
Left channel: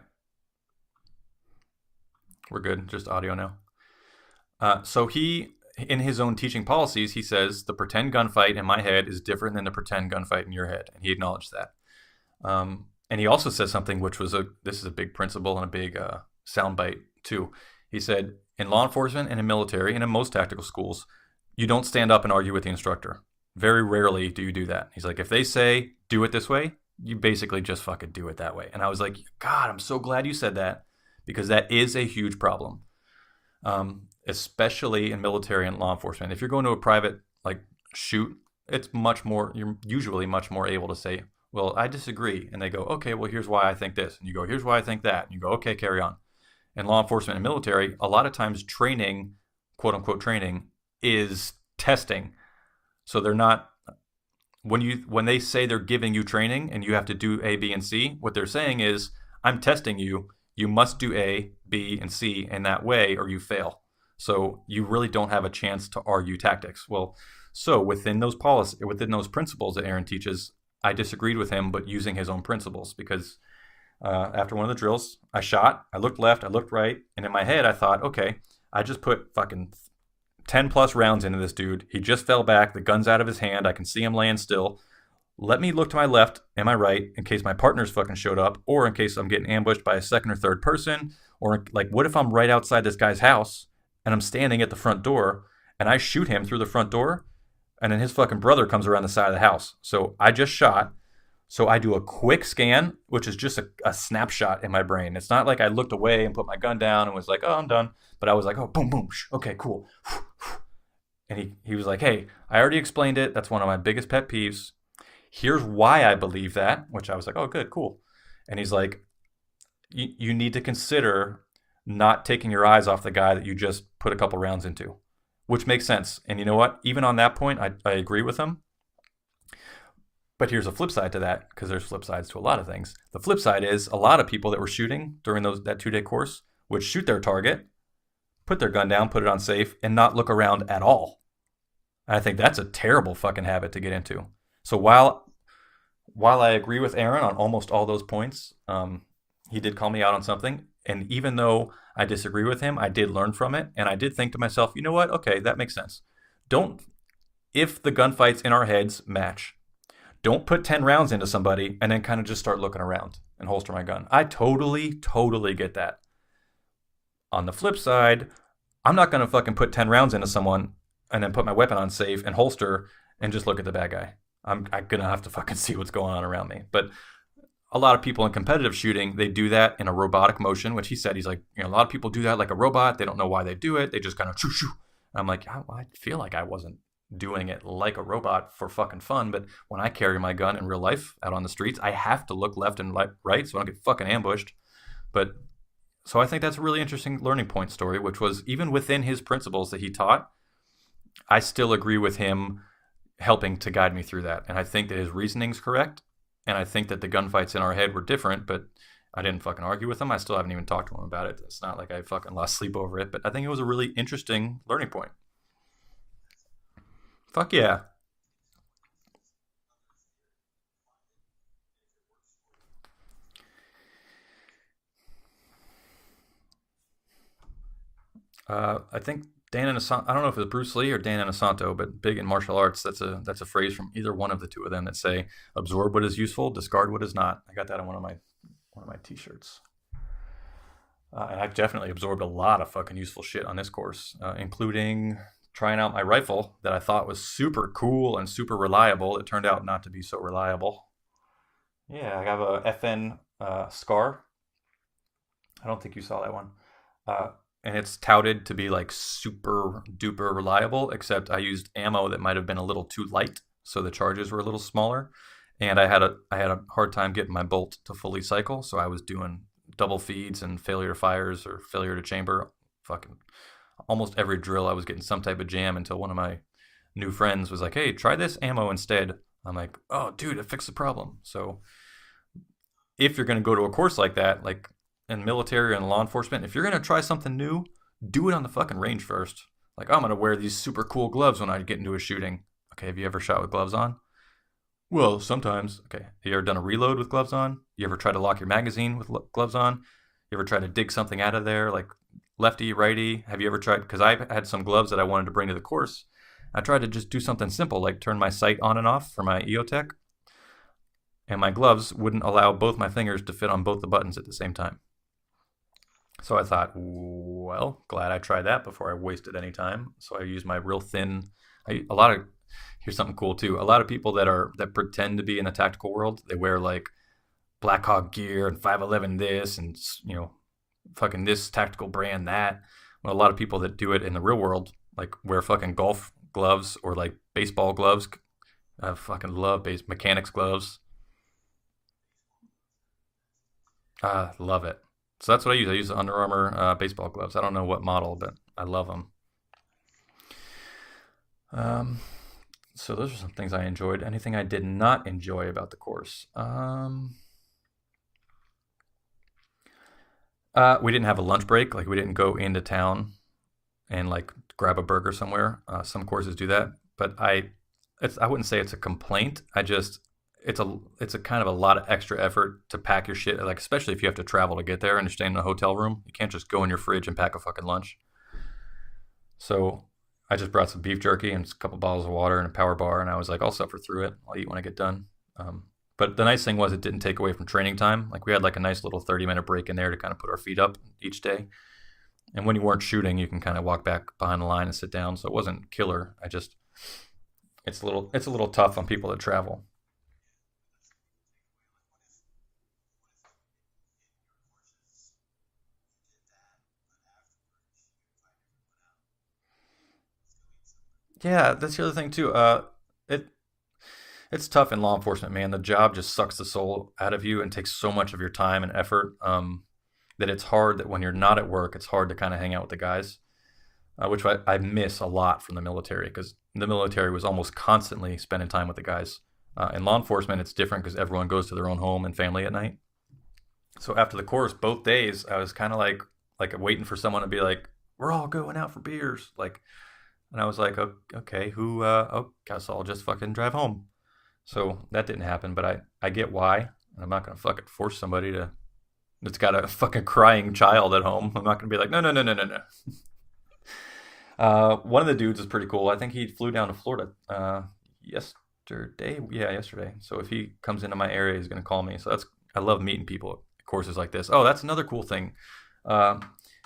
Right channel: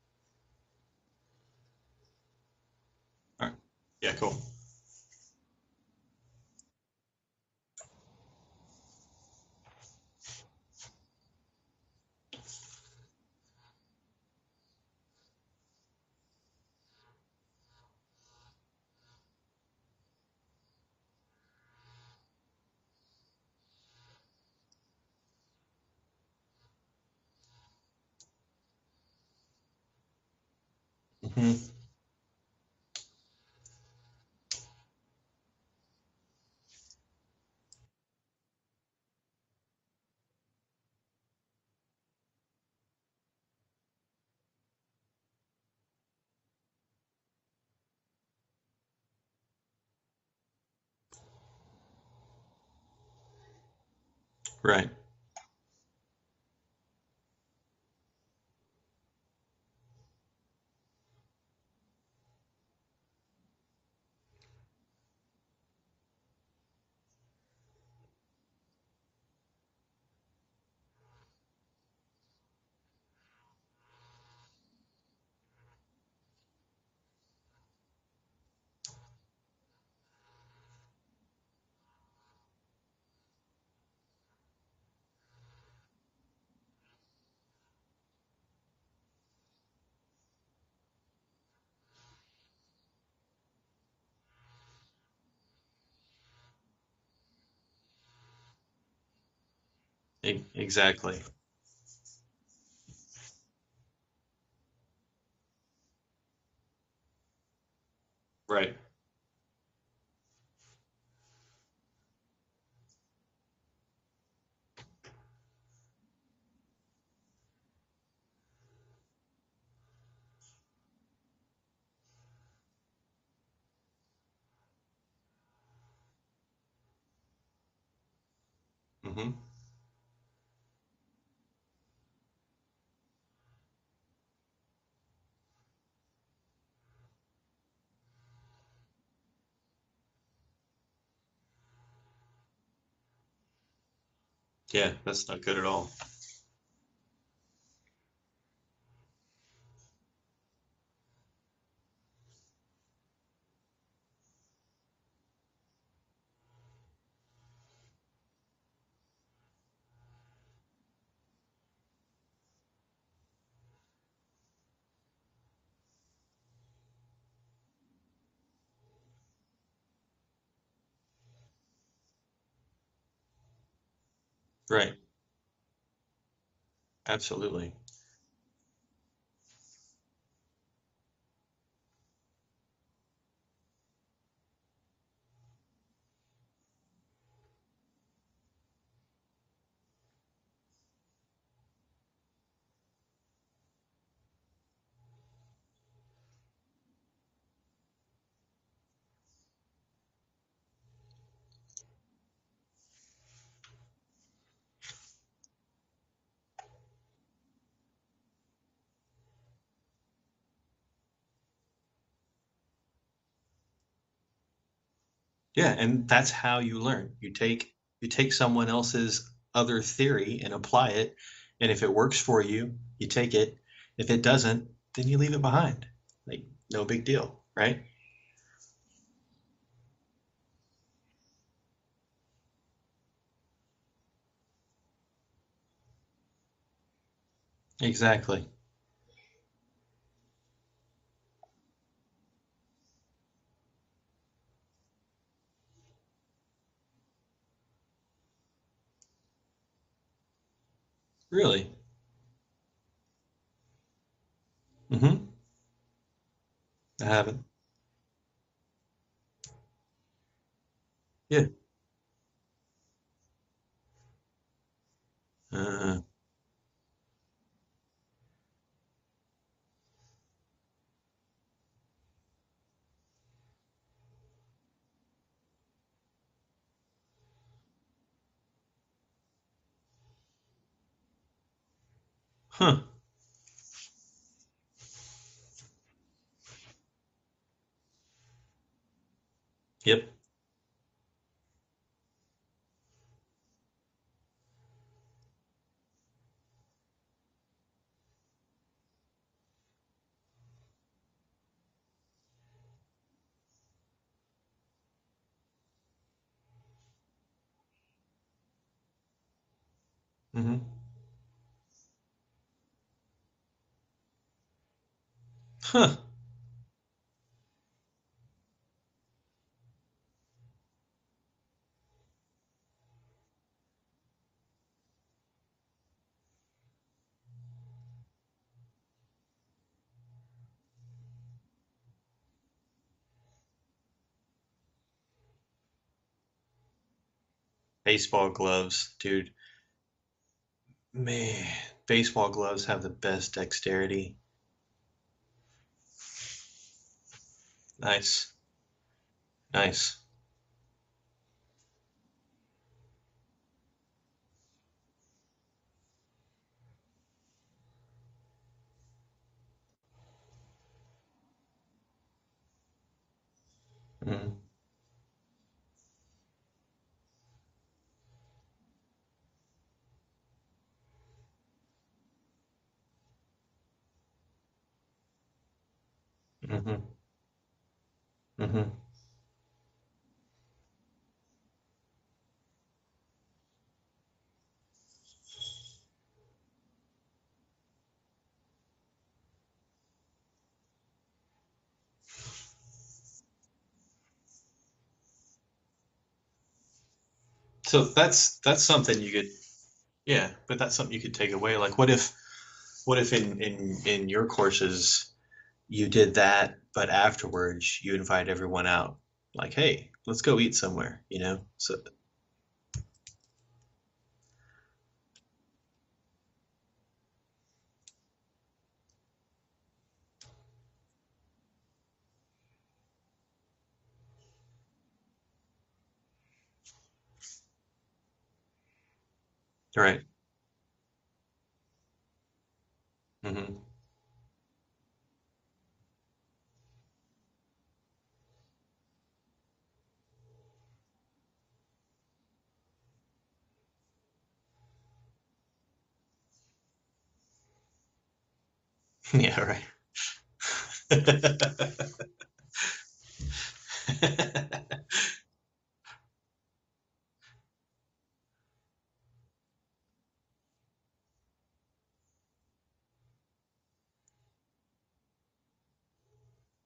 We're good. Just audio Oh, now. yeah, cool. So in his own teaching policies, he says the pretend gunfight in my head is different than the pretend gunfight in your head, and he acknowledged that. And he also says something which was this is a big principle and a big soundbite too. He said in law enforcement and in military and in most tactical schools, you don't stand up and argue with the instructor. Very rarely do you do that. He's like, if they say do it this way, you basically just fucking do it that way. And I was like, God, I'm so glad you said that because Hmm. that is a huge problem. Especially in military and law enforcement. If you're going to a private shoot, you're usually much more able to say, well, I disagree. And they go, okay, well, here's why I think this. And you go, here's why I think that. And you go, okay, carry on. In law enforcement and military, a lot of times training, quote unquote training, is testing. So they're not, Right. when they say they're giving you training and you have to do A, B, and C, what they're saying is, I'm testing you. You must do A, B, and C in that way or you fail. So you really don't have a chance to argue tactics. Well, so within those principles that Aaron teaches, I disagreed with him, but using his own principles because after one of the drills, I shot, I looked left, I looked right, and in my head I thought, okay, I just put fucking 10 plus rounds into this dude. He just fell back, the gun's out of his hand, I can see him laying still. Let me look to my left and my right in case my partner's fucking showed up, or in case I'm getting ambushed by a second or third person, or like, what if I'm right outside this guy's house and I'm standing at the front door and I shoot him through the front door and then his fucking brother comes around the side of the house. So I just shot. Exactly. So I do a quick scan, which is just a snapshot in my brain. It's not like I looked away and put my gun down and was like, oh, I'm done. But I was like, oh, Right. boom, boom. Okay, cool. And he was like, hey, I already explained it. That's one of my biggest pet peeves. Here's why I believe that, which I was like, oh, good, cool. And he's like, you need to consider not taking your eyes off the guy that you just put a couple rounds into. which makes sense. And you know what? Even on that point, I agree with him. Mm-hmm. But here's a flip side to that, because there's flip sides to a lot of things. The flip side is a lot of people that were shooting during that 2-day course would shoot their target, put their gun down, put it on safe, and not look around at all. And I think that's a terrible fucking habit to get into. So Yeah, that's not good at all. while I agree with Aaron on almost all those points, he did call me out on something. And even though I disagree with him, I did learn from it. And I did think to myself, you know what? Okay, that makes sense. If the gunfights in our heads match, don't put 10 rounds into somebody and then kind of just start looking around and holster my gun. I totally get that. On the flip side, I'm not going to fucking put 10 rounds into someone and then put my weapon on safe and holster and just look at the bad guy. I'm going to have to fucking see what's going on around me. But absolutely, a lot of people in competitive shooting, they do that in a robotic motion, which he said, he's like, a lot of people do that like a robot. They don't know why they do it. They just kind of shoo shoo. I'm like, I feel like I wasn't doing it like a robot for fucking fun, but when I carry my gun in real life out on the streets, I have to look left and right so I don't get fucking ambushed. But so I think that's a really interesting learning point story, which was even within his principles that he taught, I still agree with him helping to guide me through that. And I think that his reasoning's correct. And I think that the gunfights in our head were different, but I didn't fucking argue with him. I still haven't even talked to him about it. It's not like I fucking lost sleep over it, but I think it was a really interesting learning point. Yeah, and that's how you learn. You take someone else's other theory and apply it, and if it works for you, you take it. If it doesn't, then you leave it behind. Like, no big deal, right? I think Dan Inosanto, I don't know if it's Bruce Lee or Dan Inosanto, but big in martial arts, that's a phrase from either one of the two of them that say, absorb what is useful, discard what is not. I got that on one of my t-shirts. And I've definitely absorbed a lot of fucking useful shit on this course, including trying out my rifle that I thought was super cool and super reliable. It turned out not to be so reliable. Really? Yeah, I have a FN Scar. Mm-hmm. I don't think you saw that one. I haven't. And it's touted to be like super duper reliable, except I used ammo that might have been a little too light, so the charges were a little smaller. And I had a hard time getting my bolt to fully cycle, so I was doing double feeds and failure to fires or failure to chamber. Fucking almost every drill I was getting some type of jam until one of my new friends was like, hey, try this ammo instead. I'm like, oh, dude, it fixed the problem. So if you're going to go to a course like that, like in military and law enforcement, if you're going to try something new, do it on the fucking range first. Like, I'm going to wear these super cool gloves when I get into a shooting. Okay, have you ever shot with gloves on? Well, sometimes. Okay, have you ever done a reload with gloves on? You ever try to lock your magazine with gloves on? You ever try to dig something out of there, like lefty, righty? Have you ever tried? Because I had some gloves that I wanted to bring to the course. I tried to just do something simple, like turn my sight on and off for my EOTech. Mm-hmm. And my gloves wouldn't allow both my fingers to fit on both the buttons at the same time. So I thought, well, glad I tried that before I wasted any time. So I used my real thin. Here's something cool too. A lot of people that pretend to be in the tactical world, they wear like Black Hawk gear and 511 this and fucking this tactical brand that. Well, a lot of people that do it in the real world like wear fucking golf gloves or like baseball gloves. I fucking love mechanics gloves. Man, baseball gloves have the best dexterity. Love it. So that's what I use. I use the Under Armour baseball gloves. I don't know what model, but I love them. Nice. So those are some things I enjoyed. Anything I did not enjoy about the course? We didn't have a lunch break. Like, we didn't go into town and like grab a burger somewhere. Some courses do that, but I wouldn't say it's a complaint. It's a kind of a lot of extra effort to pack your shit, like especially if you have to travel to get there and you're staying in a hotel room. You can't just go in your fridge and pack a fucking lunch. So I just brought some beef jerky and a couple bottles of water and a power bar, and I was like, I'll suffer through it. I'll eat when I get done. But the nice thing was it didn't take away from training time. Like, we had like a nice little 30-minute break in there to kind of put our feet up each day. And when you weren't shooting, you can kind of walk back behind the line and sit down. So it wasn't killer. It's a little tough on people to travel. Yeah, but that's something you could take away. Like, what if in your courses you did that, but afterwards you invite everyone out? Like, hey, let's go eat somewhere. Yeah, that's the other thing too. It's tough in law enforcement, man. The job just sucks the soul out of you and takes so much of your time and effort that it's hard that when you're not at work, it's hard to kind of hang out with the guys. which I miss a lot from the military, because the military was almost constantly spending time with the guys. In law Right. enforcement, it's different because everyone goes to their own home and family at night. Hmm. So after the course, both days, I was kind of like waiting for someone to be like, "We're all going out for beers," like, and I was like, "Okay, who? Oh, guess I'll just fucking drive home." So that didn't happen, but I get why. And I'm not gonna fucking force somebody to that's Yeah, got a fucking crying child at home. I'm not gonna be like, no, no, no, no, no, no. right. One of the dudes is pretty cool. I think he flew down to Florida yesterday. Yeah, yesterday. So if he comes into my area, he's gonna call me. So I love meeting people at courses like this. Oh, that's another cool thing. Uh,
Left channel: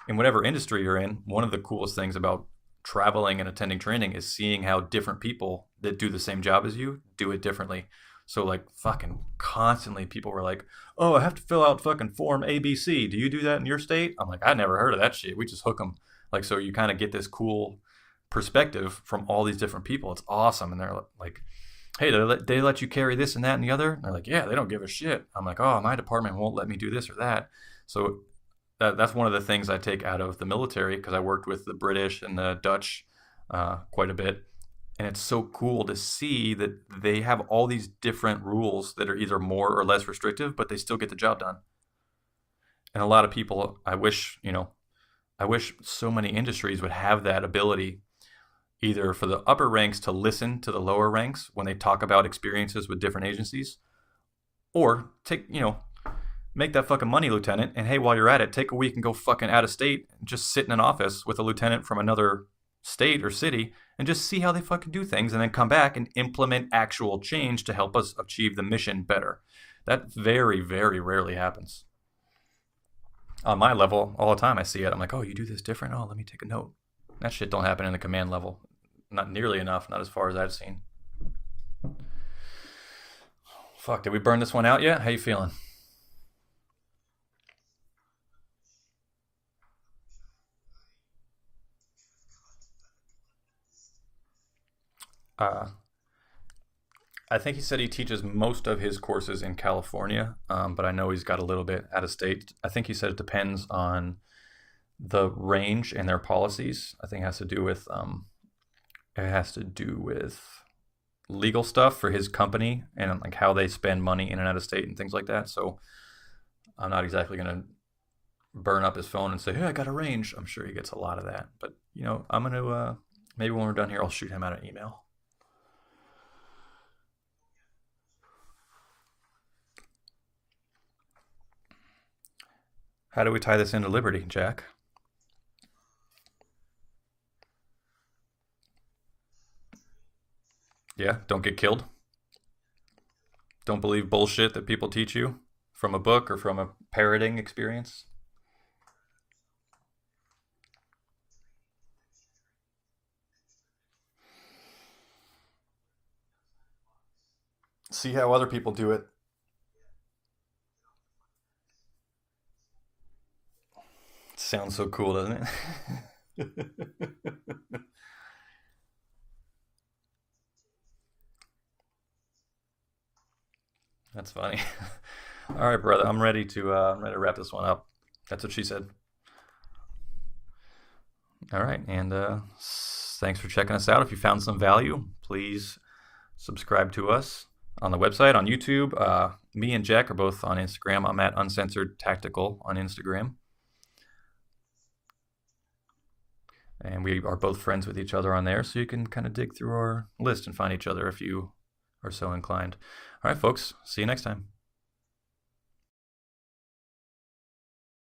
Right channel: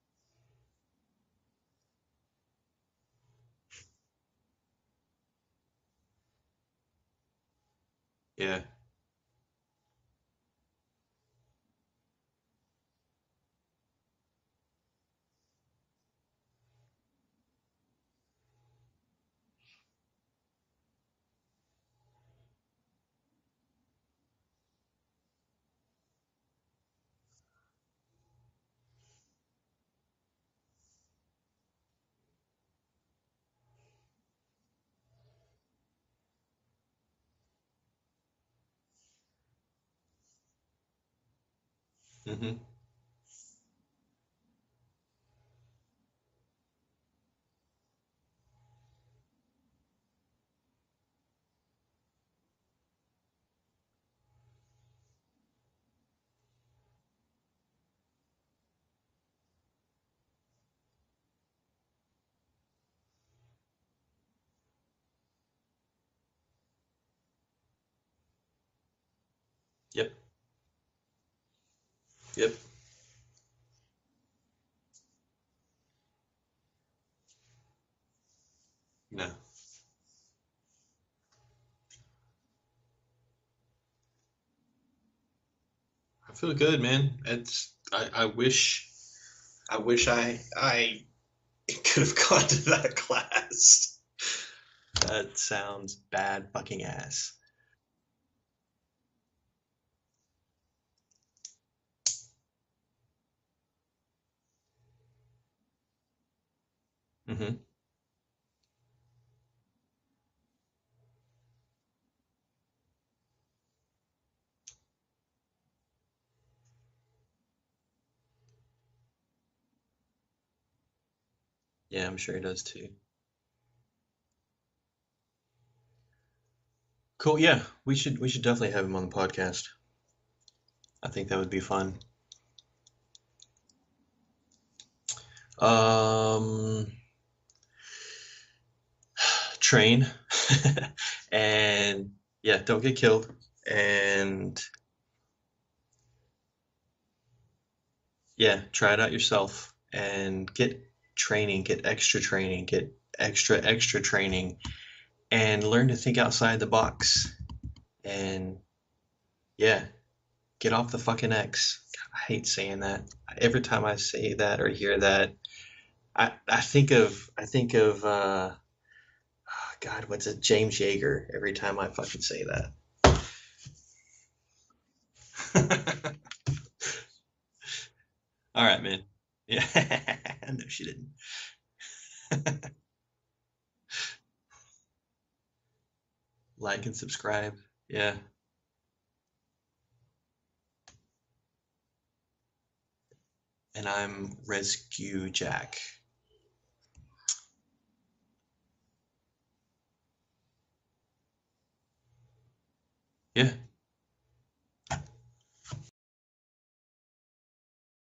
in whatever industry you're in, one of the coolest things about traveling and attending training is seeing how different people that do the same job as you do it differently. So Yeah. like fucking constantly people were like, "Oh, I have to fill out fucking form ABC. Do you do that in your state?" I'm like, "I never heard of that shit. We just hook them." Like, so you kind of get this cool perspective from all these different people. It's awesome. And they're like, "Hey, they let you carry this and that and the other?" And they're like, "Yeah, they don't give a shit." I'm like, "Oh, my department won't let me do this or that." So that's one of the things I take out of the military, because I worked with the British and the Dutch quite a bit. And it's so cool to see that they have all these different rules that are either more or less restrictive, but they still get the job done. Hmm. And a lot of people, I wish so many industries would have that ability, either for the upper ranks to listen to the lower ranks when they talk about experiences with different agencies, or make that fucking money, lieutenant. And hey, while you're at it, take a week and go fucking out of state and just sit in an office with a lieutenant from another state or city and just see how they fucking do things, and then come back and implement actual change to help us achieve the mission better. That Yep. very, very rarely happens. Yep. On my level, all the time I see it. I'm like, "Oh, you do this different? Oh, let me take a note." That shit don't happen in the command level. Not nearly enough, not as far as I've seen. Fuck, did we burn this one out yet? How you feeling? I feel good, man. I wish I could have gone to that class. That Uh, sounds bad fucking ass. I think he said he teaches most of his courses in California, but I know he's got a little bit out of state. I think he said it depends on the range and their policies. I think Hmm. it has to do with legal stuff for his company and like how they spend money in and out of state and things like that. So I'm not exactly gonna burn up his phone and say, "Hey, I got a range." I'm sure he gets a lot of that, but Yeah, I'm sure he I'm does gonna too. maybe when we're done here, I'll shoot him out an email. Cool. Yeah, we should definitely have him on the podcast. I think that would be fun. How do we tie this into Liberty, Jack? Um, Train, Yeah, don't get killed. and yeah, don't get killed, Don't believe bullshit and that people teach you from a book or from a parroting experience. yeah, try it out yourself and get training, get extra training, and learn to think outside the box. See how other And people do it. yeah, get off the fucking X. God, I hate saying that. Every time I say It that or sounds so hear cool, that, doesn't it? I think of oh God, what's it? James Yeager. Every time I fucking say That's funny. All right, brother. that. I'm ready to wrap this one up. That's what she All right, said. man. Yeah, no, she didn't. All right, and thanks for checking us out. If you found some value, please Like subscribe and to us subscribe. on the Yeah, website, on YouTube. Me and Jack are both on Instagram. I'm at Uncensored Tactical on Instagram, and I'm Rescue Jack. and we are both friends with each other on there, so you can kind of dig through our list and find each other if you are so inclined. All right, Yeah. folks. See you next time.